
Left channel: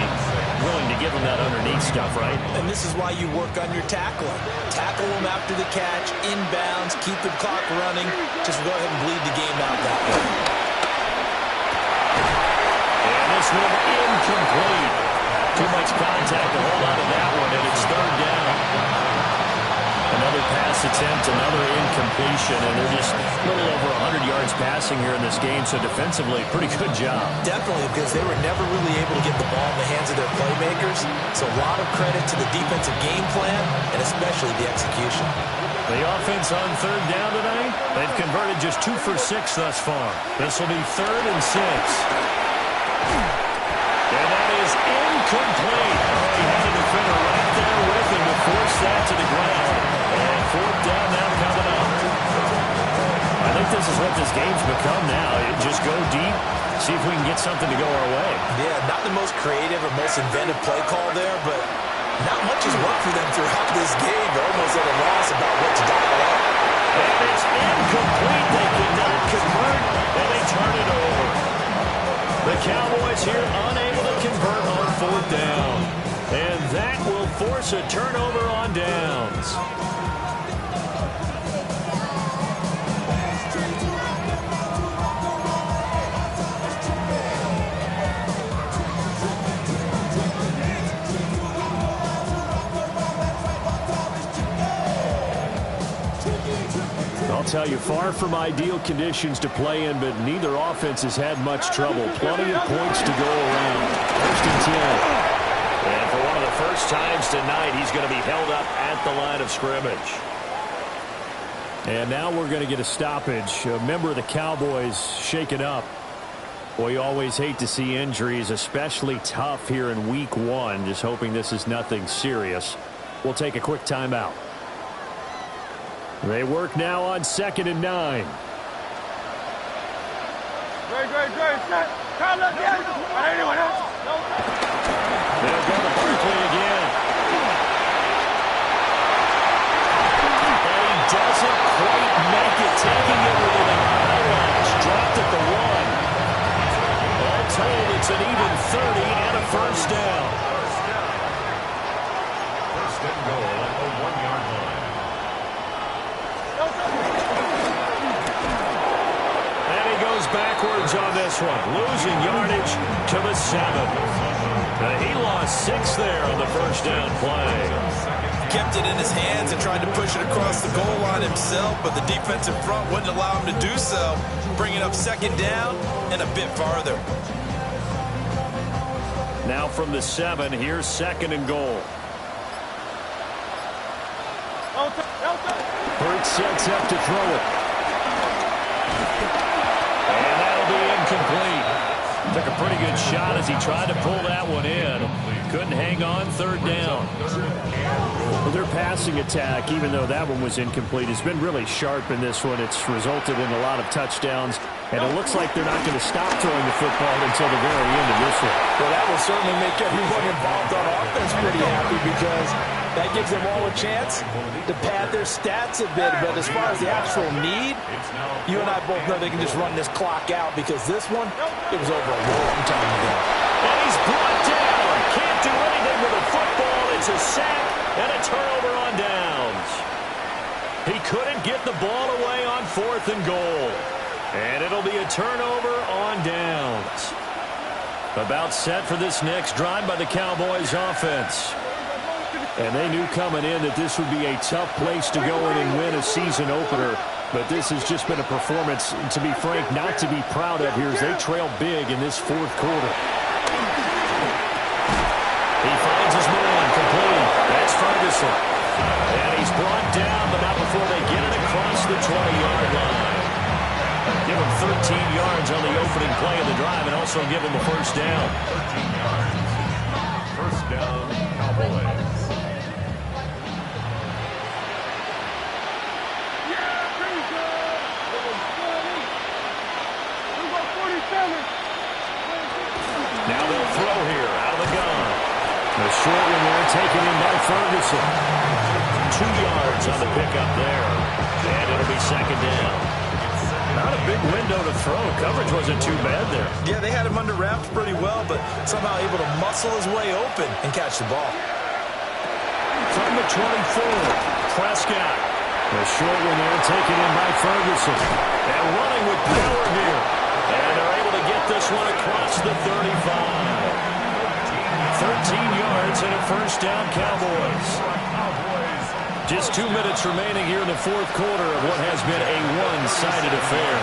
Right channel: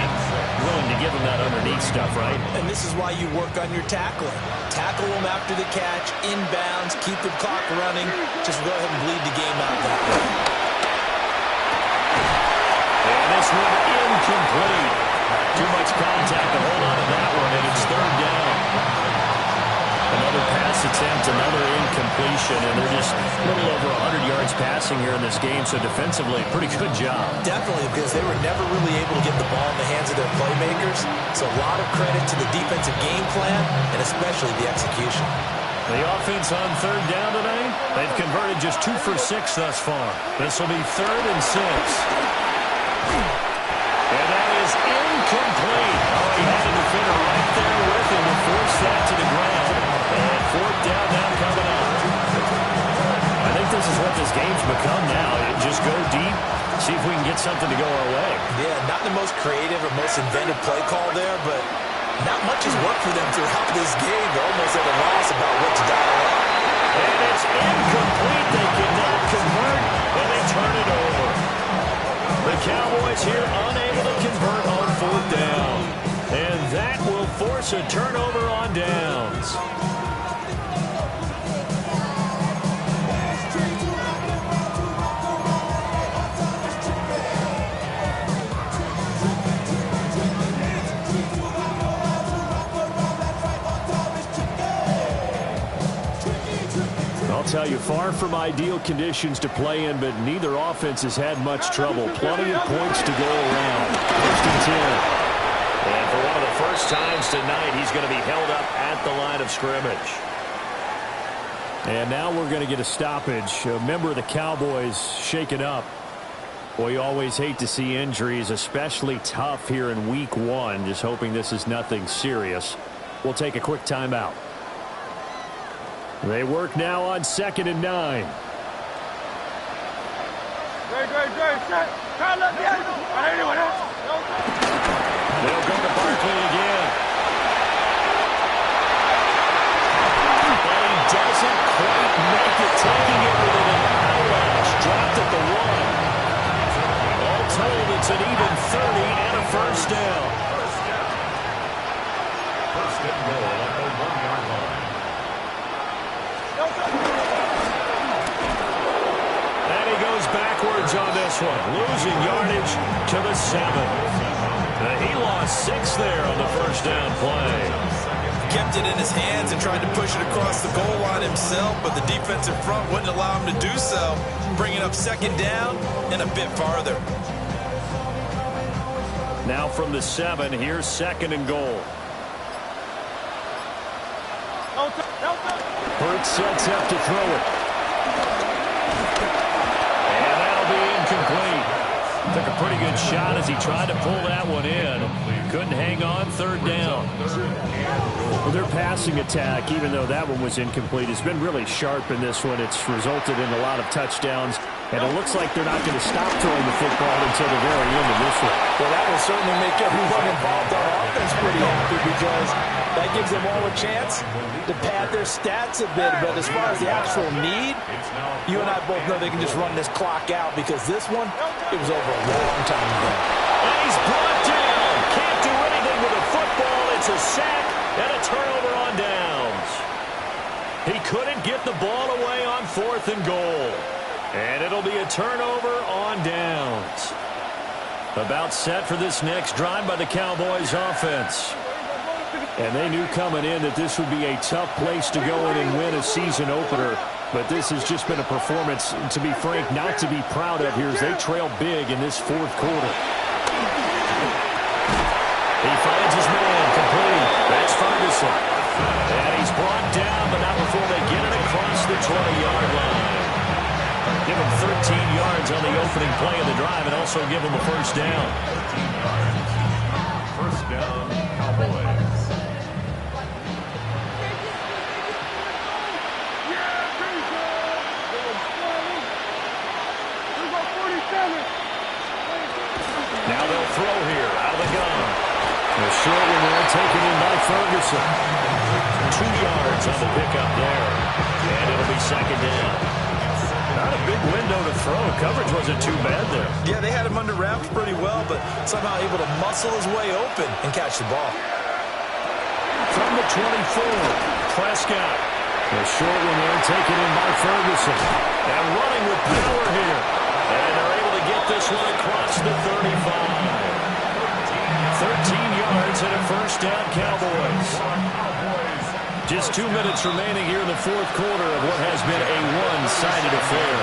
Willing to give him that underneath stuff, right? And this is why you work on your tackling. Tackle him after the catch, inbounds, keep the clock running. Just go ahead and bleed the game out that way. And this one incomplete. Too much contact to hold on to that one, and it's third down. Another pass attempt, another incompletion, and they're just a little over 100 yards passing here in this game, so defensively, pretty good job. Definitely, because they were never really able to get the ball in the hands of their playmakers, so a lot of credit to the defensive game plan, and especially the execution. The offense on third down tonight, they've converted just 2 for 6 thus far. This will be 3rd and 6. And that is incomplete. Oh, he had a defender right there with him to force that to the ground. And 4th down now coming up. I think this is what this game's become now. Just go deep, see if we can get something to go our way. Yeah, not the most creative or most inventive play call there, but not much has worked for them throughout this game. They're almost at a loss about what to dial up. And it's incomplete. They cannot convert, and they turn it over. The Cowboys here unable to convert on 4th down. And that will force a turnover on downs. I'll tell you, far from ideal conditions to play in, but neither offense has had much trouble. Plenty of points to go around. 1st and 10. And for one of the first times tonight, he's going to be held up at the line of scrimmage. And now we're going to get a stoppage. A member of the Cowboys shaken up. Boy, you always hate to see injuries, especially tough here in week 1. Just hoping this is nothing serious. We'll take a quick timeout. They work now on 2nd and 9. Great, set. They'll go to Barkley again. And he doesn't quite make it, taking it within an eyelash. Dropped at the 1. All told, it's an even 30 and a first down. First and goal at the 1-yard line. And he goes backwards on this one, losing yardage to the 7. He lost 6 there on the first down play. Kept it in his hands and tried to push it across the goal line himself, but the defensive front wouldn't allow him to do so, bringing up 2nd down and a bit farther. Now from the 7, here's 2nd and goal. Hurts sets up to throw it. And that'll be incomplete. Took a pretty good shot as he tried to pull that one in. Couldn't hang on, 3rd down. Well, their passing attack, even though that one was incomplete, has been really sharp in this one. It's resulted in a lot of touchdowns, and it looks like they're not going to stop throwing the football until the very end of this one. Well, that will certainly make everyone involved on offense pretty happy, because that gives them all a chance to pad their stats a bit. But as far as the actual need, you and I both know they can just run this clock out, because this one, it was over a long time ago. And he's brought down. Can't do anything running with a football. It's a sack and a turnover on downs. He couldn't get the ball away on 4th and goal. And it'll be a turnover on downs. About set for this next drive by the Cowboys offense. And they knew coming in that this would be a tough place to go in and win a season opener. But this has just been a performance, to be frank, not to be proud of here as they trail big in this 4th quarter. He finds his man complete. That's Ferguson. And he's brought down, but not before they get it across the 20-yard line. Give him 13 yards on the opening play of the drive and also give him a first down. 13 yards. First down, Cowboys. Now they'll throw here out of the gun. A short one there taken in by Ferguson. 2 yards on the pickup there. And it'll be second down. Not a big window to throw. Coverage wasn't too bad there. Yeah, they had him under wraps pretty well, but somehow able to muscle his way open and catch the ball. From the 24, Prescott. A short one there taken in by Ferguson. And running with power here. And they're able to get this one across the 35. 13 yards and a first down, Cowboys. Just 2 minutes remaining here in the 4th quarter of what has been a one-sided affair.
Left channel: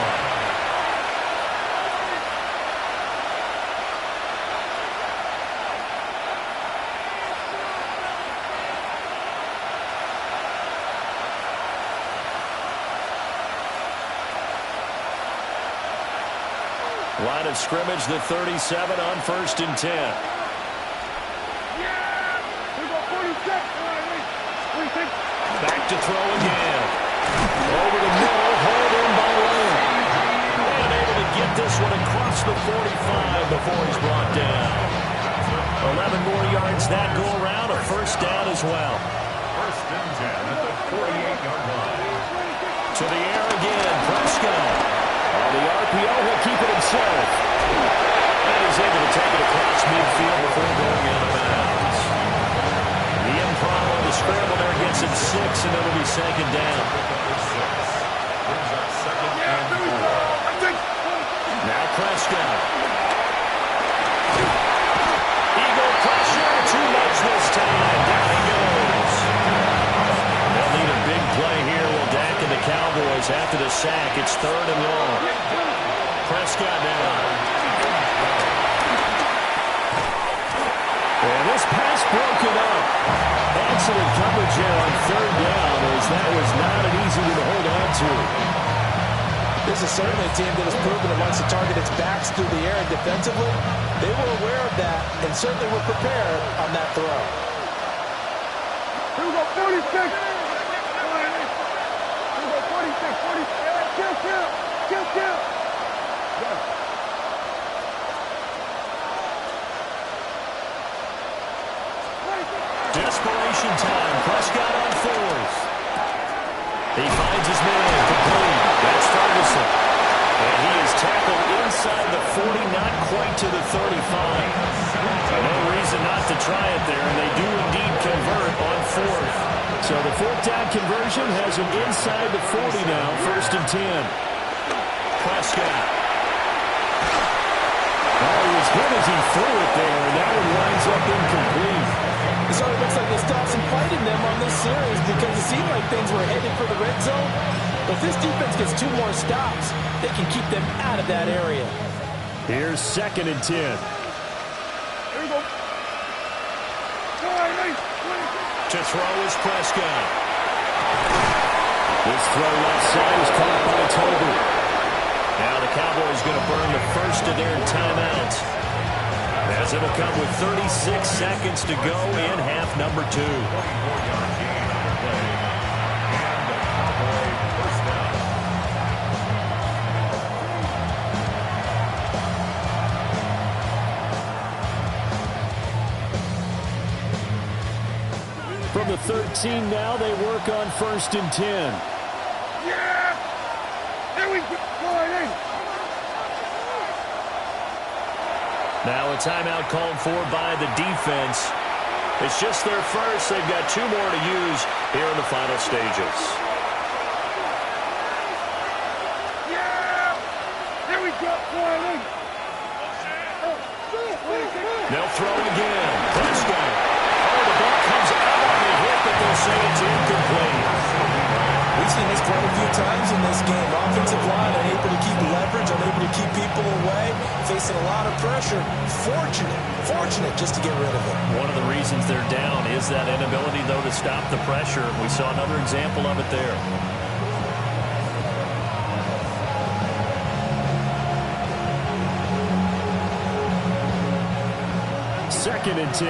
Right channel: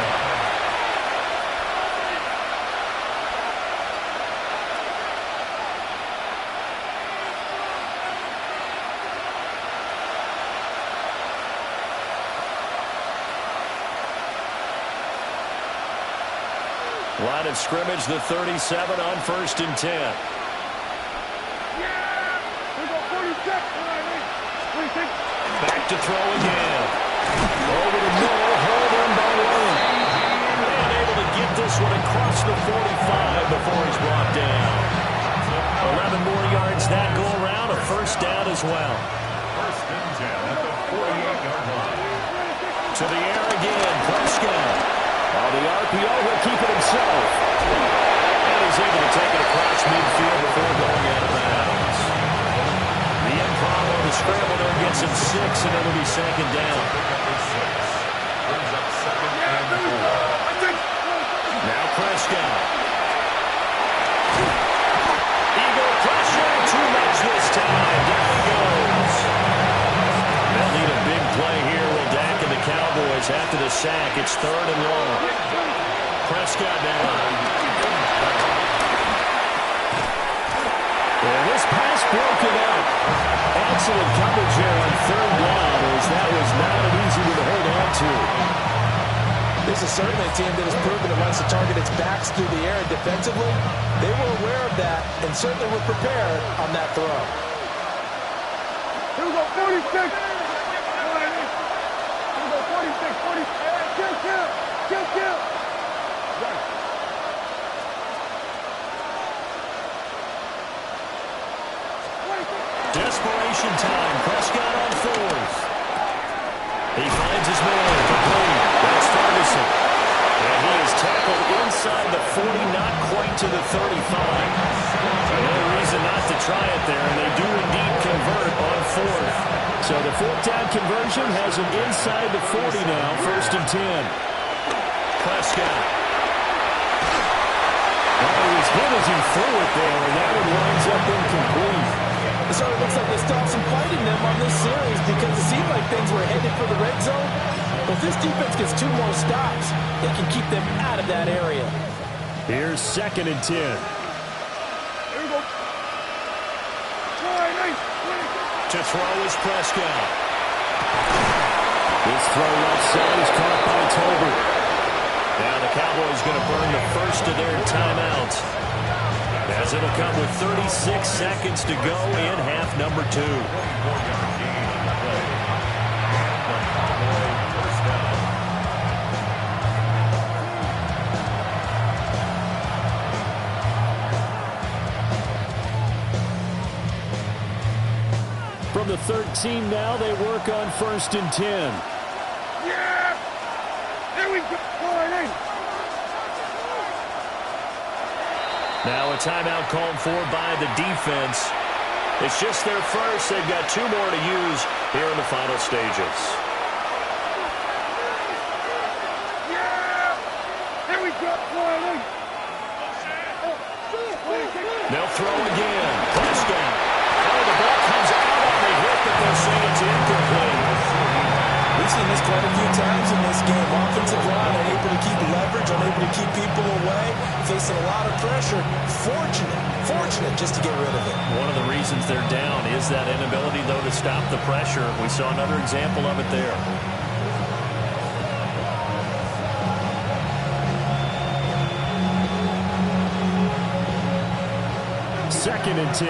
Line of scrimmage, the 37 on 1st and 10. Back to throw again. Over the middle, hauled in by Lamb. And able to get this one across the 45 before he's brought down. 11 more yards that go around, a first down as well. First and 10 at the 48-yard line. To the air again, Prescott. On the RPO, he'll keep it himself. And he's able to take it across midfield before going out of bounds. The improv on the scramble there gets him 6, and it'll be second down. Brings up second and 4. Now Prescott. Eagle pressure, too much this time. Down he goes. They'll need a big play here. Will Dak and the Cowboys after the sack. It's 3rd and long. Prescott now. And this pass broken up. Excellent coverage here on 3rd down, as that was not an easy one to hold on to. This is certainly a team that has proven it wants to target its backs through the air, and defensively, they were aware of that and certainly were prepared on that throw. Here we go, 46. Here we go, 46, 40. Kill. Got it. Desperation time. Prescott on 4th. He finds his man complete. That's Ferguson. And he is tackled inside the 40, not quite to the 35. No reason not to try it there, and they do indeed convert on 4th. So the 4th down conversion has him inside the 40 now, 1st and 10. Prescott. Oh, he was hit as he threw it there, and that one winds up incomplete. So it looks like they still have some fight in them on this series because it seemed like things were headed for the red zone. But if this defense gets 2 more stops, they can keep them out of that area. Here's 2nd and 10. Here we go. To throw is Prescott. This throw left side is caught by Tolbert. Now the Cowboys going to burn the first of their timeouts, as it'll come with 36 seconds to go in half number 2. 24-yard gain on the play. And the Cowboy first down. From the 13 now, they work on 1st and 10. Yeah! Here we go. Now a timeout called for by the defense. It's just their first. They've got 2 more to use here in the final stages. Yeah! Here we go, Wiley. They'll throw again. Prescott. Oh, the ball comes out on the hit, but they'll say it's incomplete. We've seen this quite a few times in this game. Offensive line unable to keep leverage, unable to keep people away, facing a lot of pressure. Fortunate just to get rid of it. One of the reasons they're down is that inability, though, to stop the pressure. We saw another example of it there. Second and 10.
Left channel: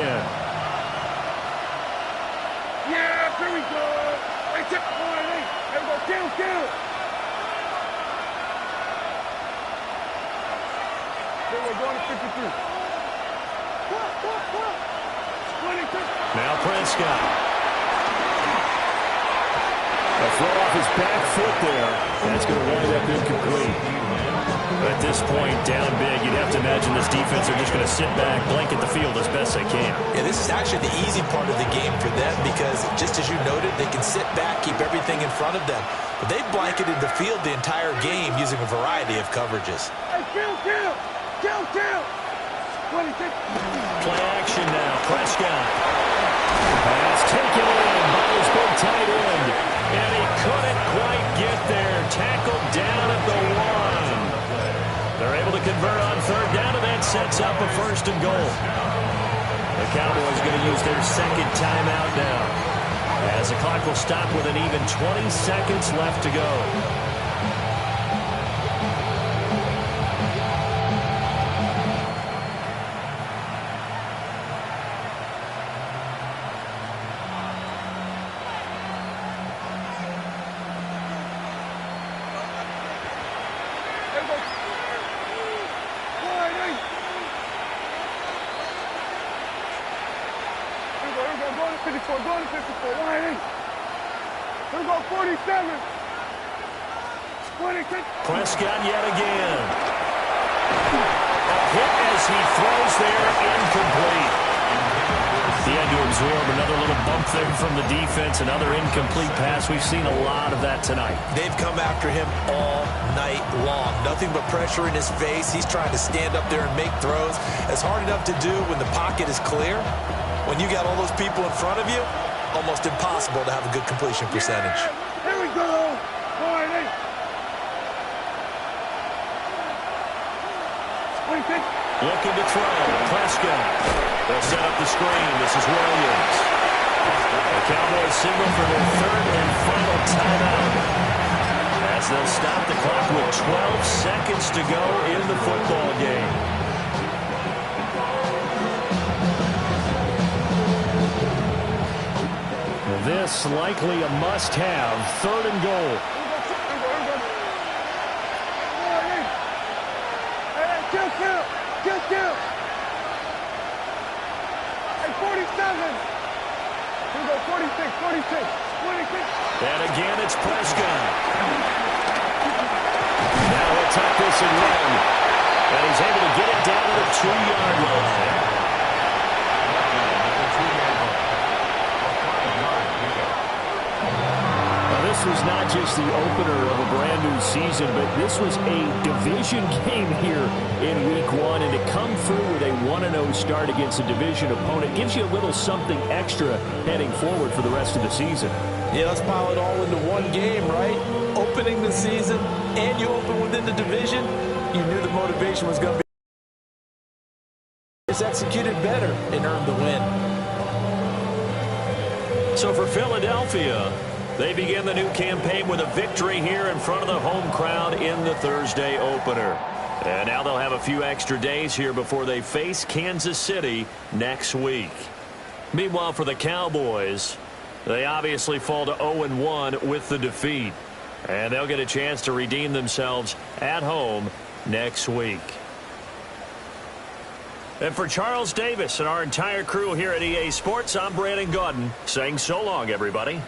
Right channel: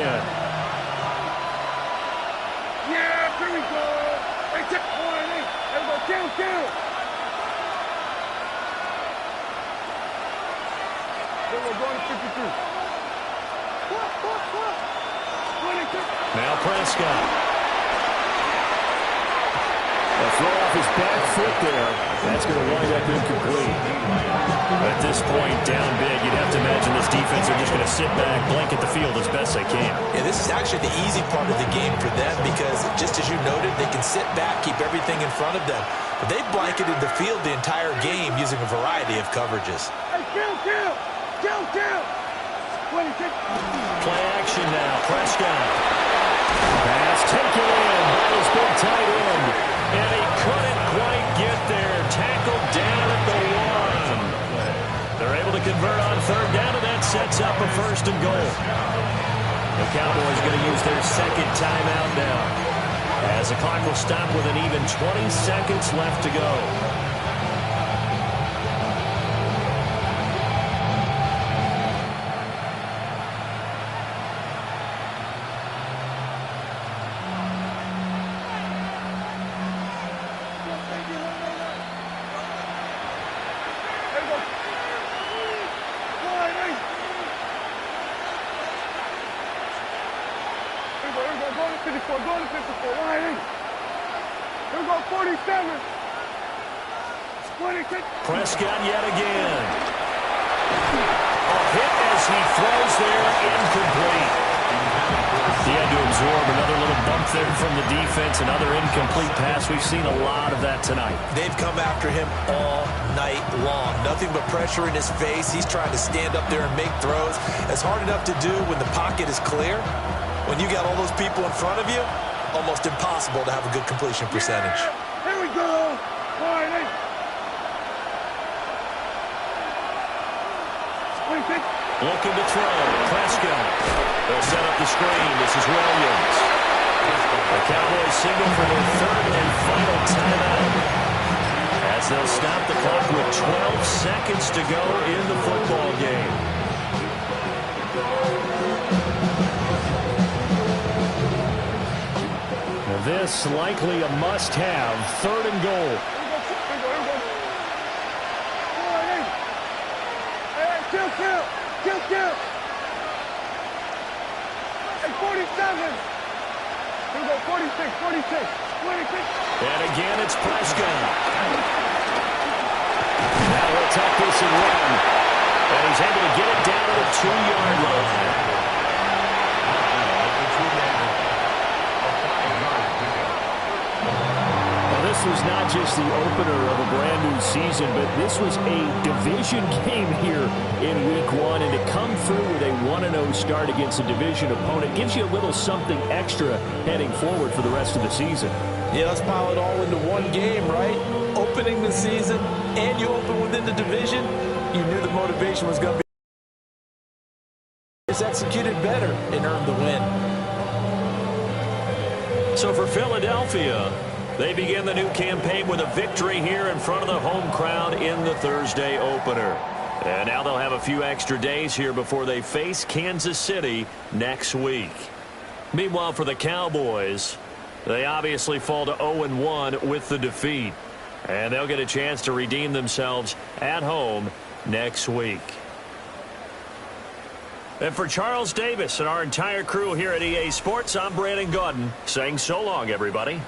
Yeah, here we go. Hey, tip, Wiley. Here we go, kill. Here we're going to 53. Now Prescott. A throw off his back foot there. That's going to wind up incomplete. At this point, down big, you'd have to imagine this defense are just going to sit back, blanket the field as best they can. Yeah, this is actually the easy part of the game for them because, just as you noted, they can sit back, keep everything in front of them. But they've blanketed the field the entire game using a variety of coverages. Hey, kill. Play action now. Prescott. Pass taken in by his big tight end. And he couldn't quite get there. Tackled down at the 1. They're able to convert on third down, and that sets up a 1st and goal. The Cowboys going to use their second timeout now, as the clock will stop with an even 20 seconds left to go. Going to 54, Wiley. Here we go, 47. 26. Prescott yet again. A hit as he throws there, incomplete. He had to absorb another little bump there from the defense, another incomplete pass. We've seen a lot of that tonight. They've come after him all night long. Nothing but pressure in his face. He's trying to stand up there and make throws. It's hard enough to do when the pocket is clear. When you got all those people in front of you, almost impossible to have a good completion percentage. Yeah, here we go. Wiley. 26. Looking to throw. Prescott. They'll set up the screen. This is Williams. The Cowboys signal for their 3rd and final timeout, as they'll stop the clock with 12 seconds to go in the football game. This likely a must-have. 3rd and goal. Here we go. Wiley. Hey, kill. Hey, 47. Here we go, 46. 26. And again, it's Prescott. Now he'll tuck this and run. And he's able to get it down to the 2-yard line. This was not just the opener of a brand new season, but this was a division game here in week 1. And to come through with a 1-0 start against a division opponent gives you a little something extra heading forward for the rest of the season. Yeah, let's pile it all into one game, right? Opening the season, and you open within the division. You knew the motivation was going to be just executed better and earned the win. So for Philadelphia, they begin the new campaign with a victory here in front of the home crowd in the Thursday opener. And now they'll have a few extra days here before they face Kansas City next week. Meanwhile, for the Cowboys, they obviously fall to 0-1 with the defeat. And they'll get a chance to redeem themselves at home next week. And for Charles Davis and our entire crew here at EA Sports, I'm Brandon Gaudin saying so long, everybody.